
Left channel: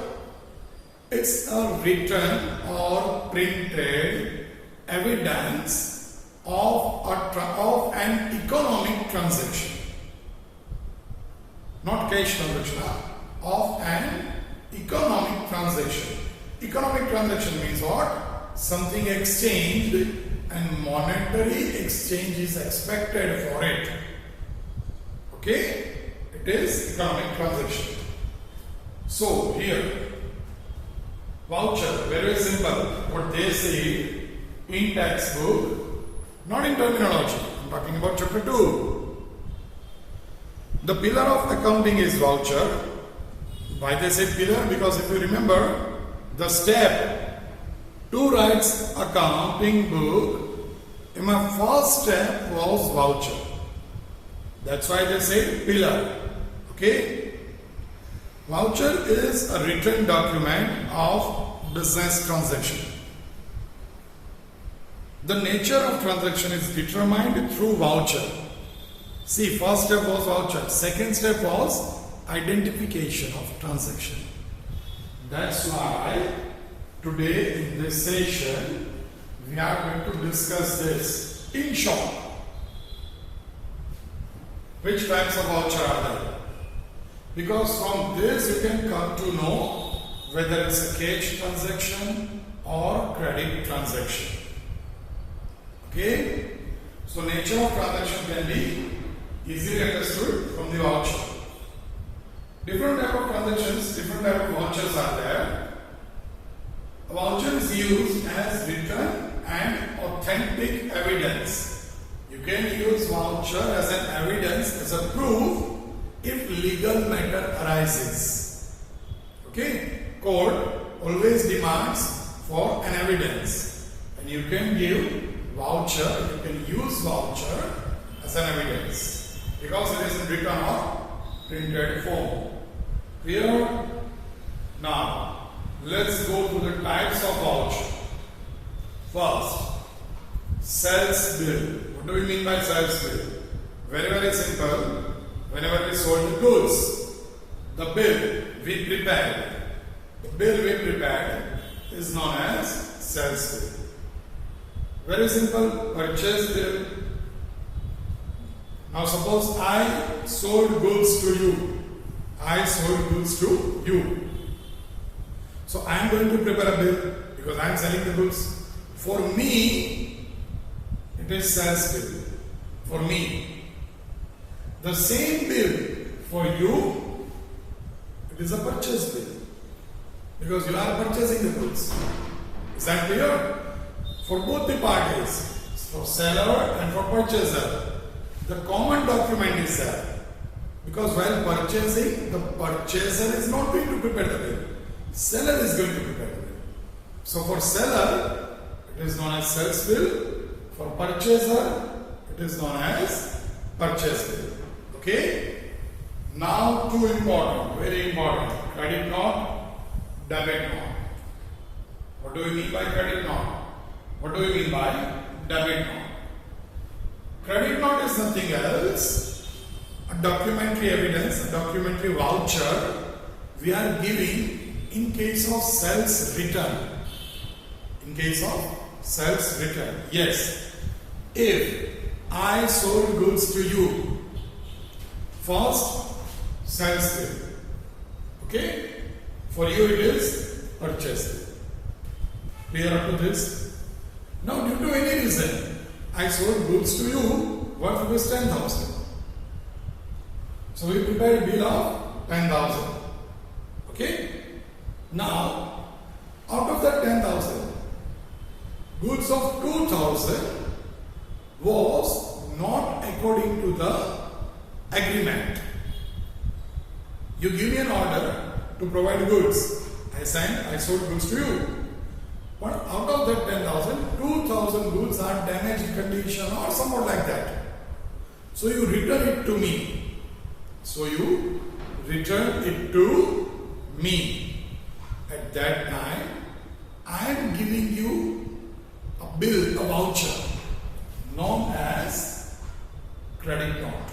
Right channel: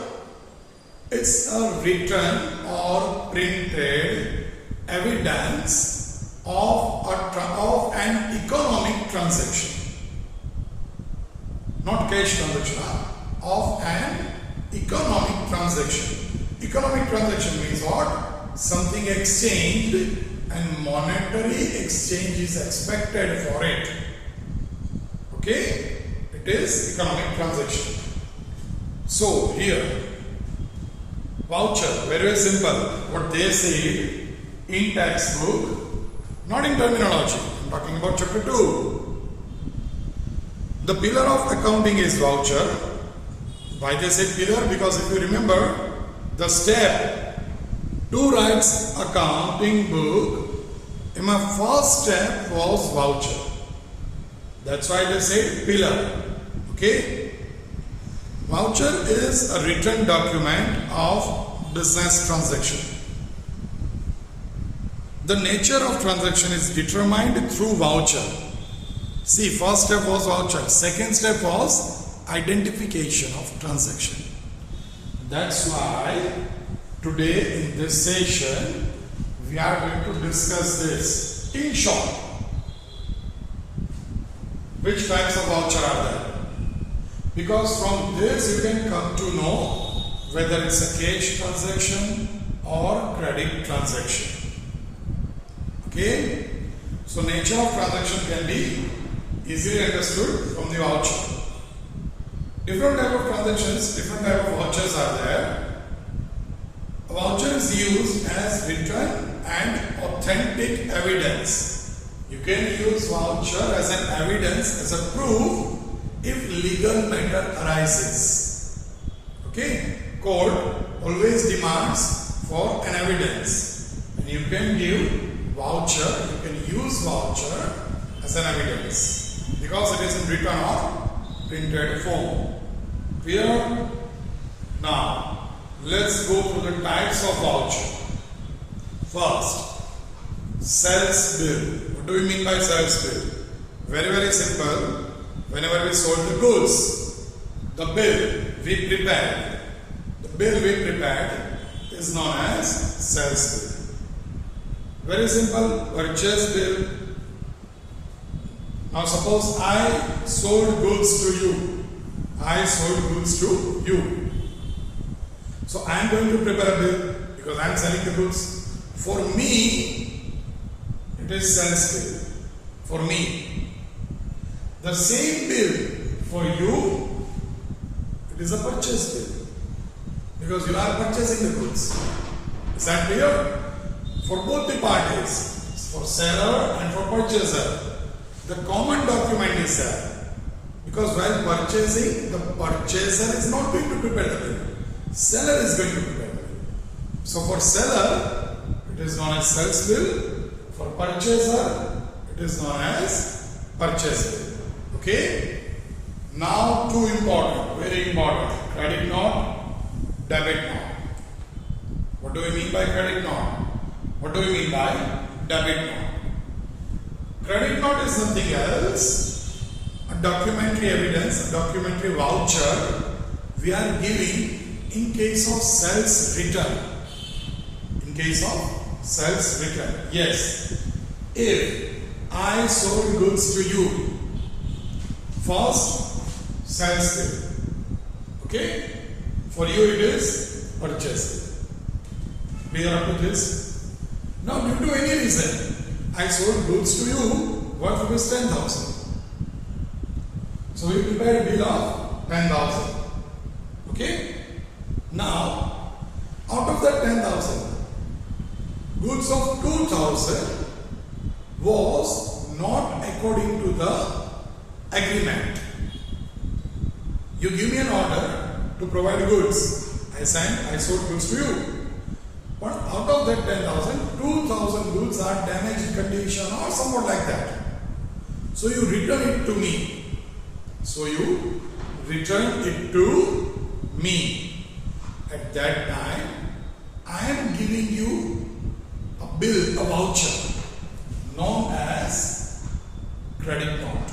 It's a written or printed evidence of an economic transaction. Not cash transaction, of an economic transaction. Economic transaction means what? Something exchanged and monetary exchange is expected for it. Okay? It is economic transaction. So here, voucher, very simple. What they say in textbook, not in terminology. I'm talking about chapter 2. The pillar of accounting is voucher. Why they say pillar? Because if you remember, the step to write accounting book, in my first step was voucher. That's why they say pillar. Okay? Voucher is a written document of business transaction. The nature of transaction is determined through voucher. See, first step was voucher. Second step was identification of transaction. That's why today in this session we are going to discuss this in short. Which types of voucher are there? Because from this you can come to know whether it's a cash transaction or credit transaction. Okay? So nature of transaction can be easily understood from the voucher. Different type of transactions, different type of vouchers are there. A voucher is used as written and authentic evidence You can use voucher as an evidence, as a proof if legal matter arises. Okay? Court always demands for an evidence. And you can give voucher, you can use voucher as an evidence. Because it is in written or printed form. Clear? Now, let's go through the types of voucher. First, sales bill. What do we mean by sales bill? Very simple. Whenever we sold the goods, the bill we prepared, is known as sales bill. Very simple. Purchase bill. Now suppose I sold goods to you. So I am going to prepare a bill because I am selling the goods. For me, it is sales bill. For me. The same bill for you, it is a purchase bill. Because you are purchasing the goods. Is that clear? For both the parties, for seller and for purchaser, the common document is there. Because while purchasing, the purchaser is not going to prepare the bill. Seller is going to prepare the bill. So for seller, it is known as sales bill. For purchaser, it is known as purchase bill. Okay? Now two important, very important. Credit note, debit note. What do we mean by credit note? What do we mean by debit note? Credit note is nothing else, a documentary evidence, a documentary voucher we are giving in case of sales return. In case of sales return. Yes. If I sold goods to you, first sales bill. Okay? For you it is purchase bill. Clear up to this? Now due to any reason, I sold goods to you worth rupees 10,000. So we prepared a bill of 10,000. Okay? Now, out of that 10,000, goods of 2,000 was not according to the agreement. You give me an order to provide goods. I sold goods to you. But out of that 10,000, 2,000 goods are damaged condition or somewhat like that. So you return it to me. At that time, I am giving you a bill, a voucher, known as credit note.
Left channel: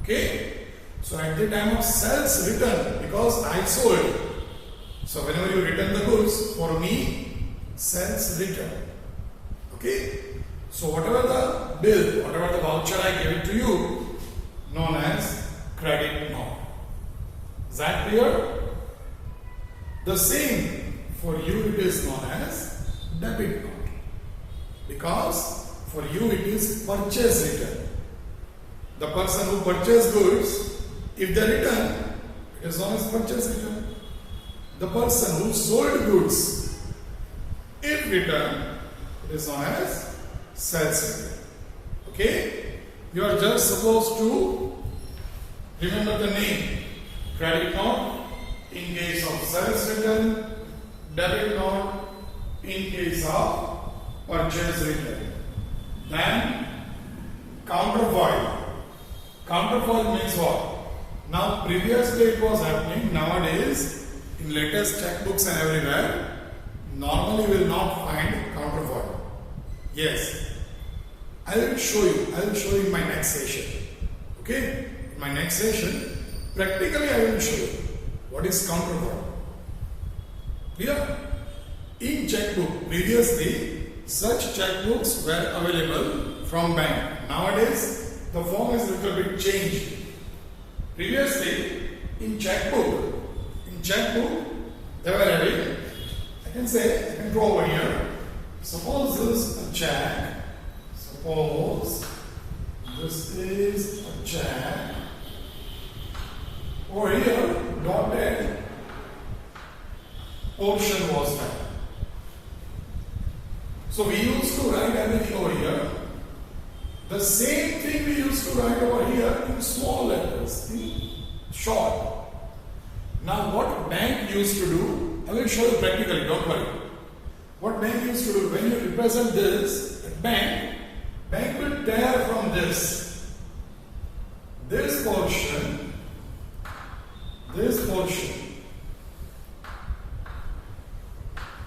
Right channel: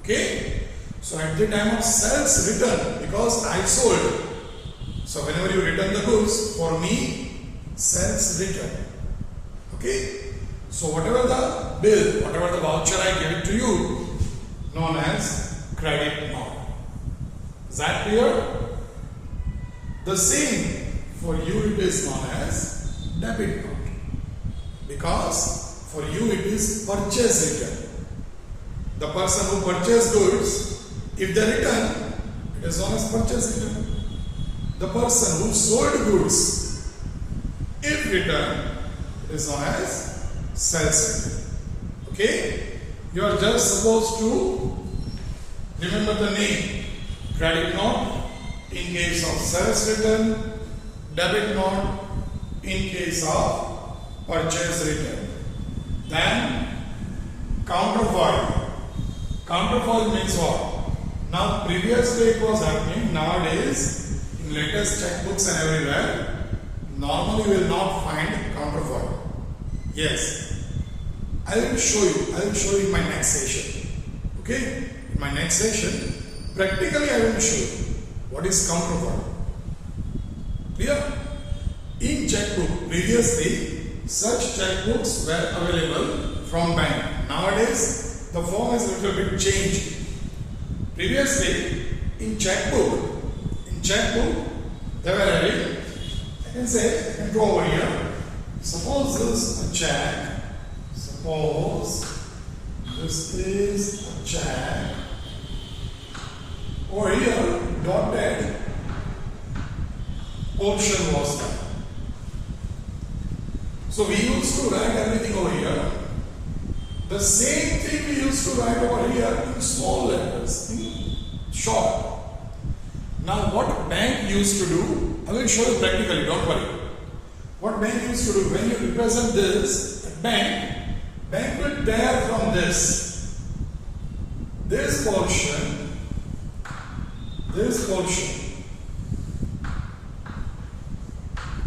Okay? So at the time of sales return, because I sold, so whenever you return the goods, for me, sales return. Okay? So whatever the bill, whatever the voucher I gave to you, known as credit note. Is that clear? The same for you it is known as debit note. Because for you it is purchase return. The person who purchased goods, if they return, it is known as purchase return. The person who sold goods, if return, it is known as sales return. Okay? You are just supposed to remember the name. Credit note in case of sales return, debit note in case of purchase return. Then counterfoil. Counterfoil means what? Now previously it was happening, nowadays in latest checkbooks and everywhere, normally you will not find counterfoil. Yes, I will show you in my next session. Okay? In my next session, practically I will show you what is counterfoil. Clear? In checkbook, previously such checkbooks were available from bank. Nowadays the form is a little bit changed. Previously in checkbook they were having, I can go over here. Suppose this is a check. Suppose this is a check. Over here, dotted portion was there. So we used to write everything over here. The same thing we used to write over here in small letters, in short. Now what bank used to do, I will show you practically, don't worry. What bank used to do, when you represent this at bank will tear from this portion,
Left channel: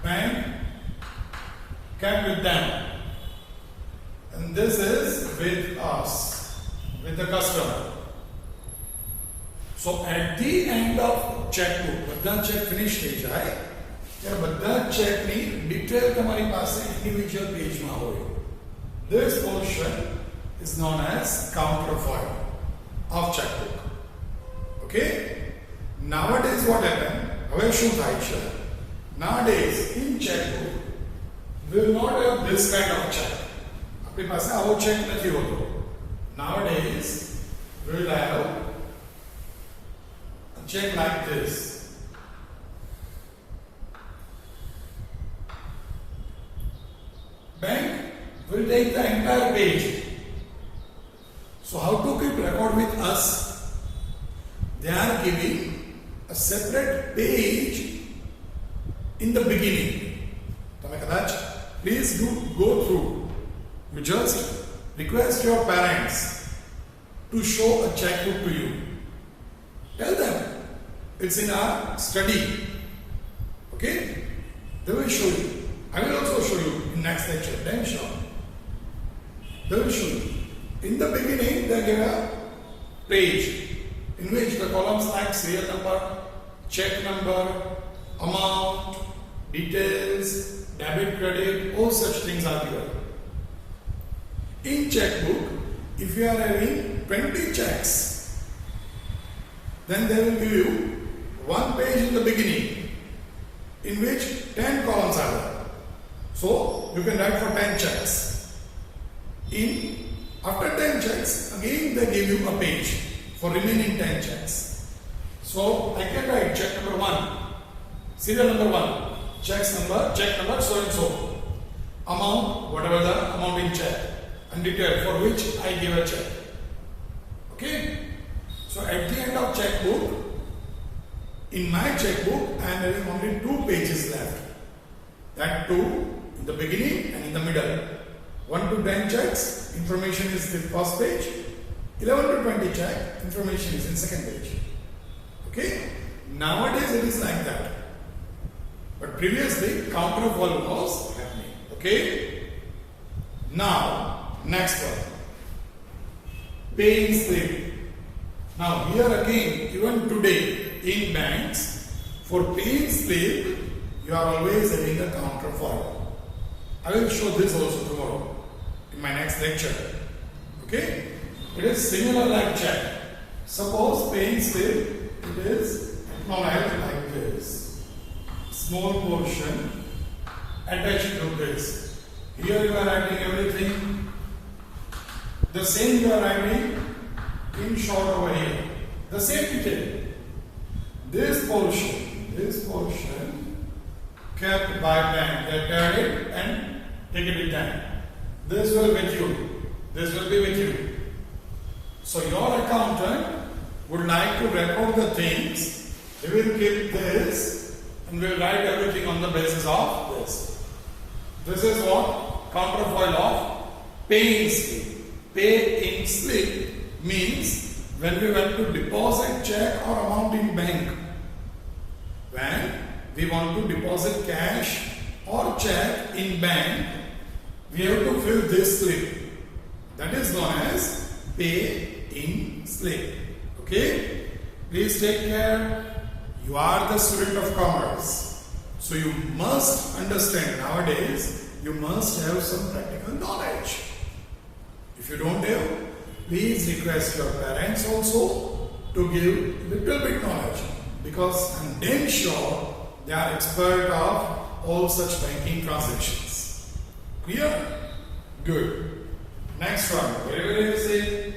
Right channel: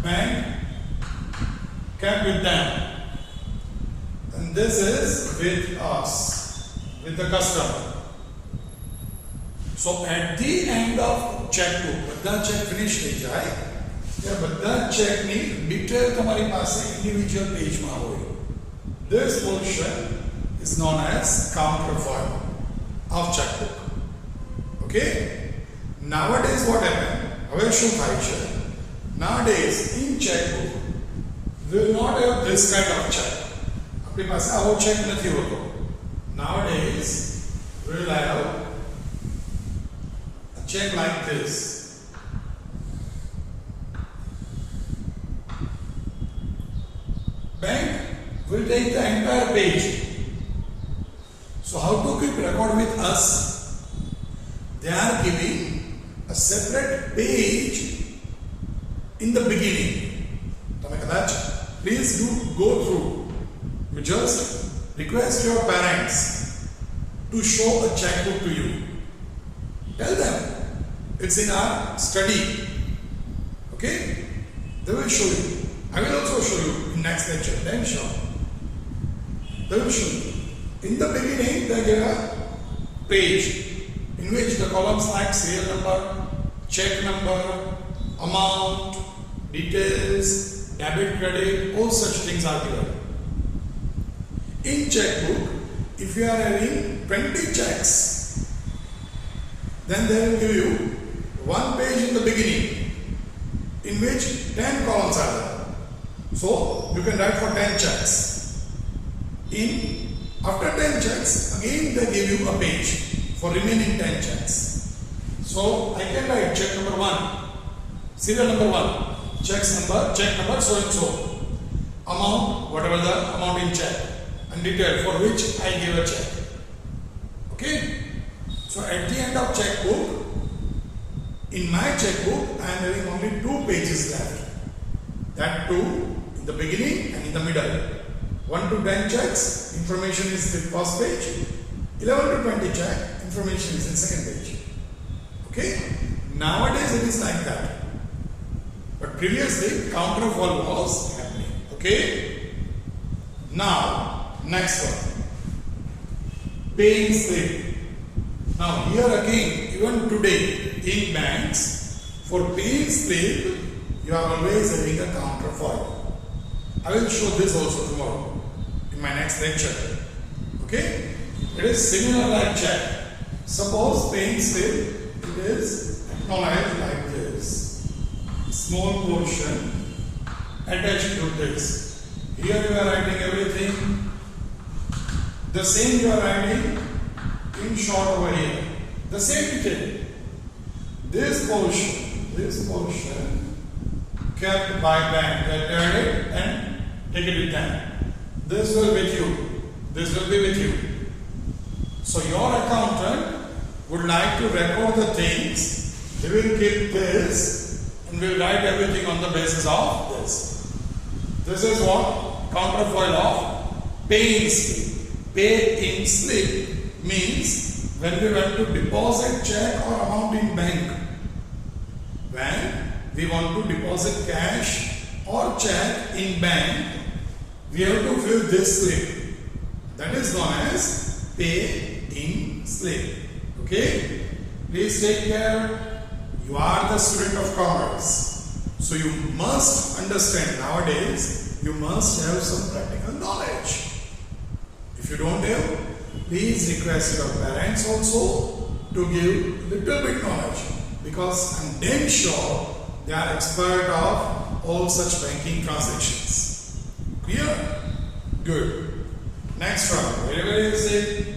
bank kept with them. And this is with us, with the customer. So at the end of checkbook, બધા check finish થઈ જાય, ત્યારે બધા check ની detail તમારી પાસે individual page માં હોય. This portion is known as counterfoil of checkbook. Okay? Nowadays what happened? હવે શું થાય છે? Nowadays in checkbook we will not have this kind of check. આપણી પાસે આવો check નથી હોતો. Nowadays we will have a check like this. Bank will take the entire page. So how to keep record with us? They are giving a separate page in the beginning. તમે કદાચ please do go through. You just request your parents to show a checkbook to you. Tell them it's in our study. Okay? They will show you. I will also show you in next lecture. Then show. They will show you. In the beginning, they give a page in which the columns like serial number, check number, amount, details, debit, credit, all such things are given. In checkbook, if you are having 20 checks, then they will give you one page in the beginning in which 10 columns are there. So you can write for 10 checks. After 10 checks, again they give you a page for remaining 10 checks. So I can write check number 1, serial number 1, check number so and so, amount, whatever the amount in check, and detail for which I give a check. Okay? So at the end of checkbook, in my checkbook, I am having only 2 pages left. That too in the beginning and in the middle. 1 to 10 checks, information is the first page. 11 to 20 check, information is in second page. Okay? Nowadays it is like that. But previously counterfoil was happening. Okay? Now, next one. Paying slip. Now here again, even today in banks, for paying slip, you are always having a counterfoil. I will show this also tomorrow in my next lecture. Okay? It is similar like check. Suppose paying slip, it is acknowledged like this. Small portion attached to this. Here you are writing everything. The same you are writing in short over here. The same detail. This portion kept by bank. They tear it and take it with them. This will with you. This will be with you. So your accountant would like to record the things. He will keep this and will write everything on the basis of this. This is what counterfoil of paying slip. Paying slip means when we want to deposit check or amount in bank. When we want to deposit cash or check in bank, we have to fill this slip. That is known as pay-in slip. Okay? Please take care. You are the student of commerce. So you must understand nowadays, you must have some practical knowledge. If you don't have, please request your parents also to give little bit knowledge, because I'm damn sure they are expert of all such banking transactions. Clear? Good. Next one. Wherever is it?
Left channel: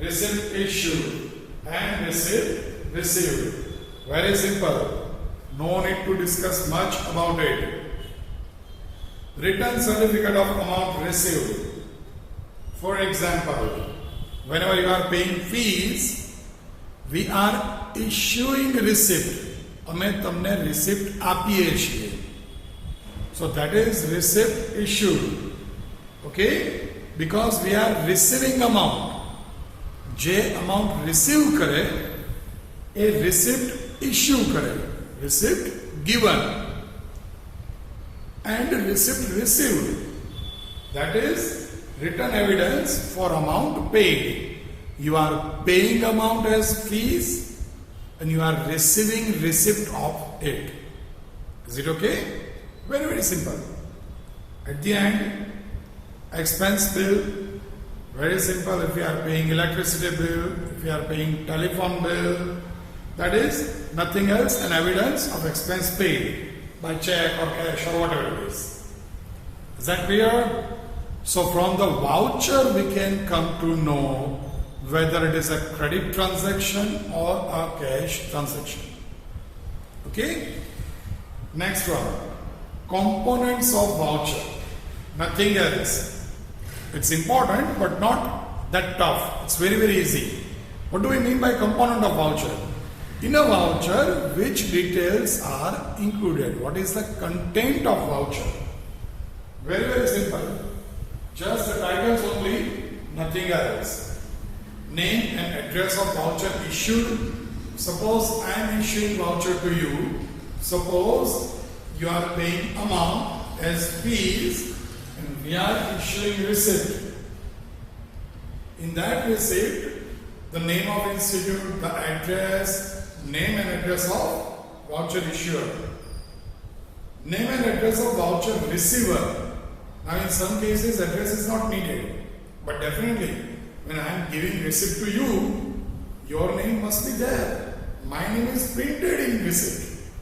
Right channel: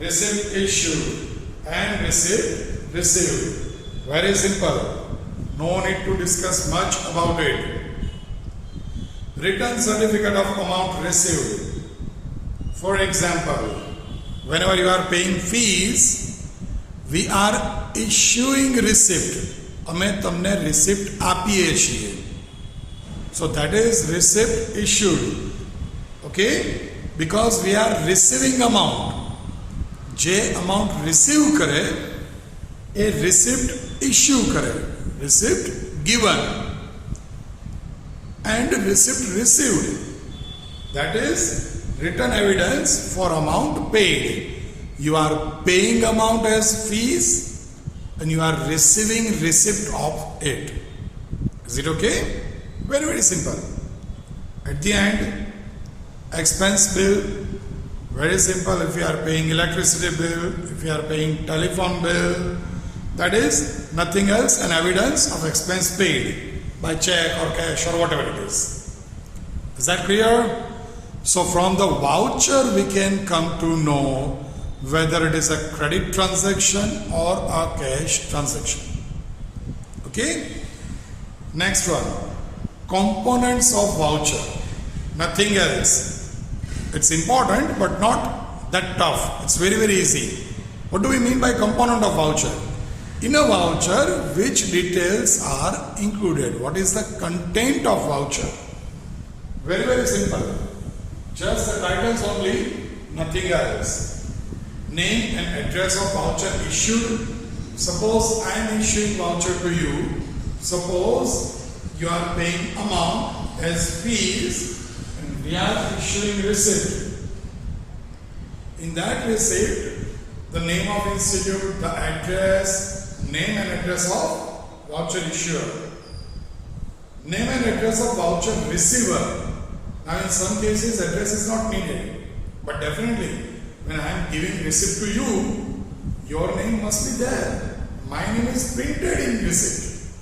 Receipt issued and receipt received. Very simple. No need to discuss much about it. Written certificate of amount received For example, whenever you are paying fees, we are issuing receipt. અમે તમને receipt આપીએ છીએ. So that is receipt issued. Okay? Because we are receiving amount. જે amount receive કરે એ receipt issue કરે. Receipt given and receipt received. That is written evidence for amount paid. You are paying amount as fees and you are receiving receipt of it. Is it okay? Very, very simple. At the end, expense bill, very simple. If you are paying electricity bill, if you are paying telephone bill, that is nothing else an evidence of expense paid by check or cash or whatever it is. Is that clear? So from the voucher we can come to know whether it is a credit transaction or a cash transaction. Okay? Next one. Components of voucher. Nothing else. It's important but not that tough. It's very, very easy. What do we mean by component of voucher? In a voucher, which details are included? What is the content of voucher? Very, very simple. Just the titles only, nothing else. Name and address of voucher issued. Suppose I am issuing voucher to you. Suppose you are paying amount as fees and we are issuing receipt. In that receipt, the name of institute, the address, name and address of voucher issuer. Name and address of voucher receiver. Now in some cases address is not needed. But definitely when I am giving receipt to you, your name must be there. My name is printed in receipt.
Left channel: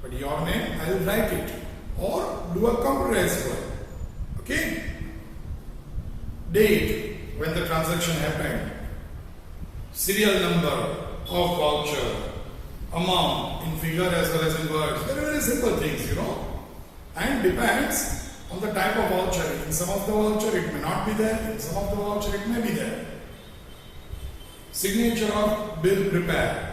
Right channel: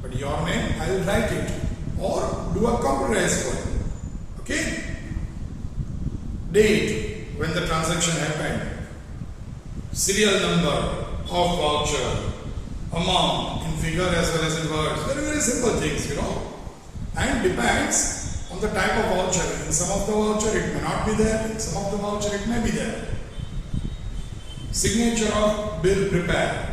But your name I will write it or do a computerized one. Okay? Date when the transaction happened. Serial number of voucher, amount in figure as well as in words. Very, very simple things, you know. And depends on the type of voucher. In some of the voucher it may not be there, in some of the voucher it may be there. Signature of bill prepared.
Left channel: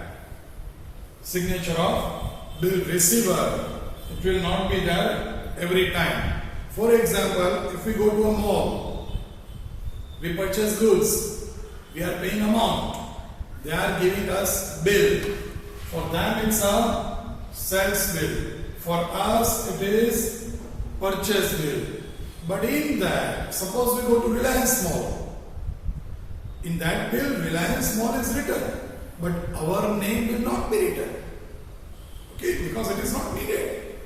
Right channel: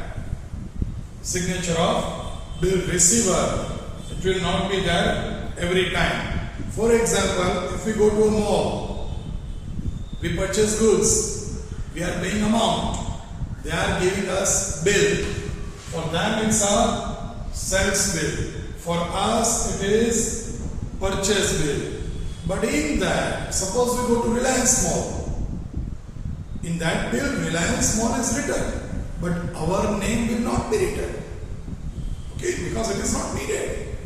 Signature of bill receiver. It will not be there every time. For example, if we go to a mall, we purchase goods, we are paying amount. They are giving us bill. For them it's a sales bill. For us it is purchase bill. But in that, suppose we go to Reliance Mall. In that bill, Reliance Mall is written. But our name will not be written. Okay, because it is not needed.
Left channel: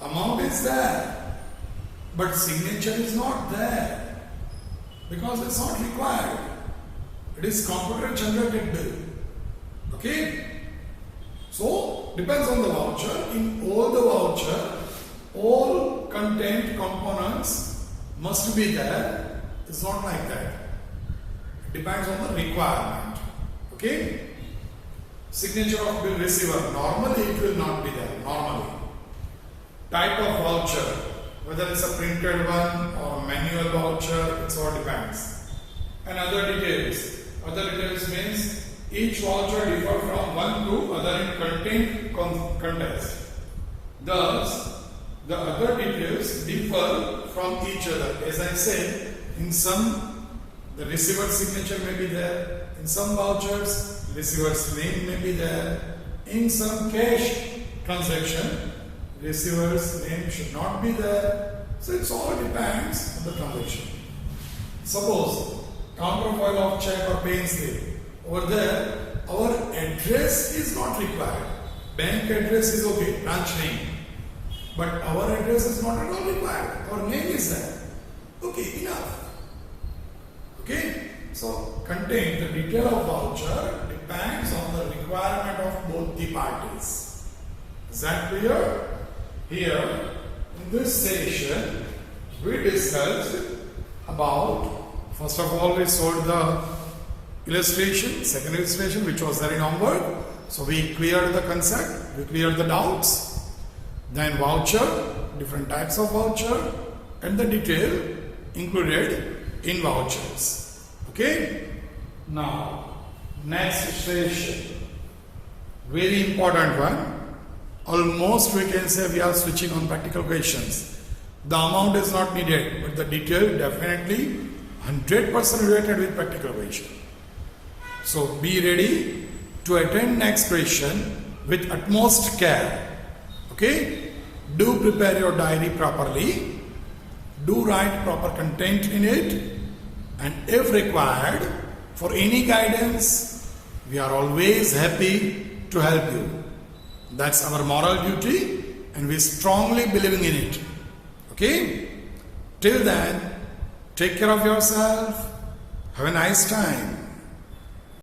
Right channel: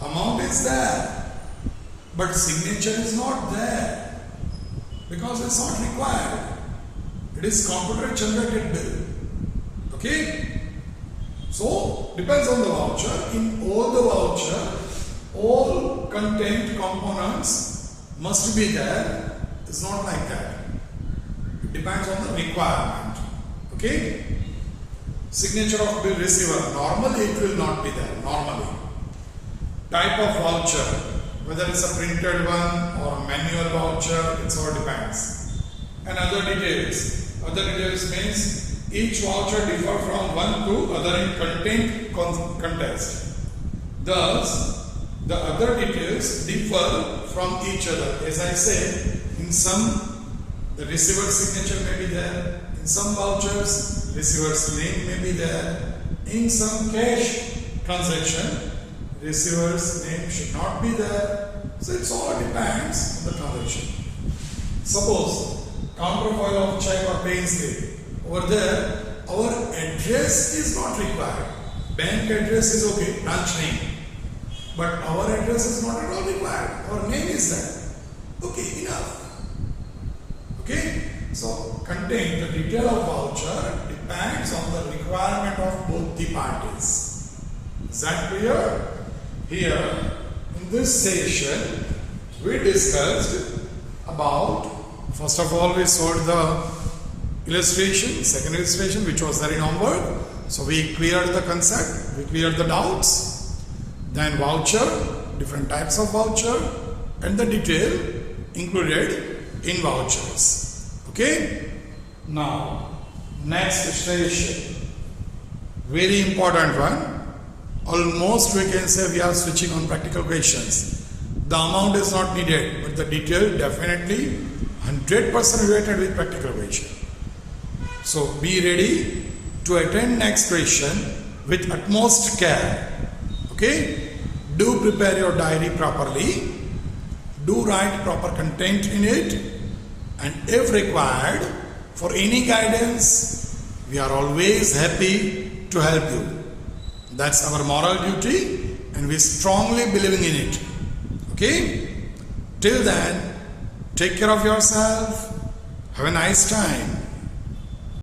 Amount is there. But signature is not there. Because it's not required. It is computer generated bill. Okay? So, depends on the voucher. In all the voucher, all content components must be there. It's not like that. It depends on the requirement. Okay? Signature of bill receiver. Normally it will not be there. Normally. Type of voucher. Whether it's a printed one or manual voucher, it all depends. And other details. Other details means each voucher differ from one to other in content context. Thus, the other details differ from each other. As I said, in some the receiver's signature may be there. In some vouchers, receiver's name may be there. In some cash transaction, receiver's name should not be there. So it all depends on the transaction. Suppose counterfoil of check or paying slip. Over there, our address is not required. Bank address is okay, branch name. But our address is not at all required. Our name is there. Okay, enough. Okay? So, contain the detail of voucher depends on the requirement of both the parties. Is that clear? Here, in this session, we discussed about, first of all, we saw the illustration, second illustration, which was there in homework. So, we cleared the concept, we cleared the doubts. Then voucher, different types of voucher, and the detail included in vouchers. Okay? Now, next station. Very important one. Almost we can say we are switching on practical questions. The amount is not needed, but the detail definitely 100% related with practical question. So be ready to attend next question with utmost care. Okay? Do prepare your diary properly. Do write proper content in it. And if required, for any guidance, we are always happy to help you. That's our moral duty and we strongly believing in it. Okay? Till then, take care of yourself. Have a nice time.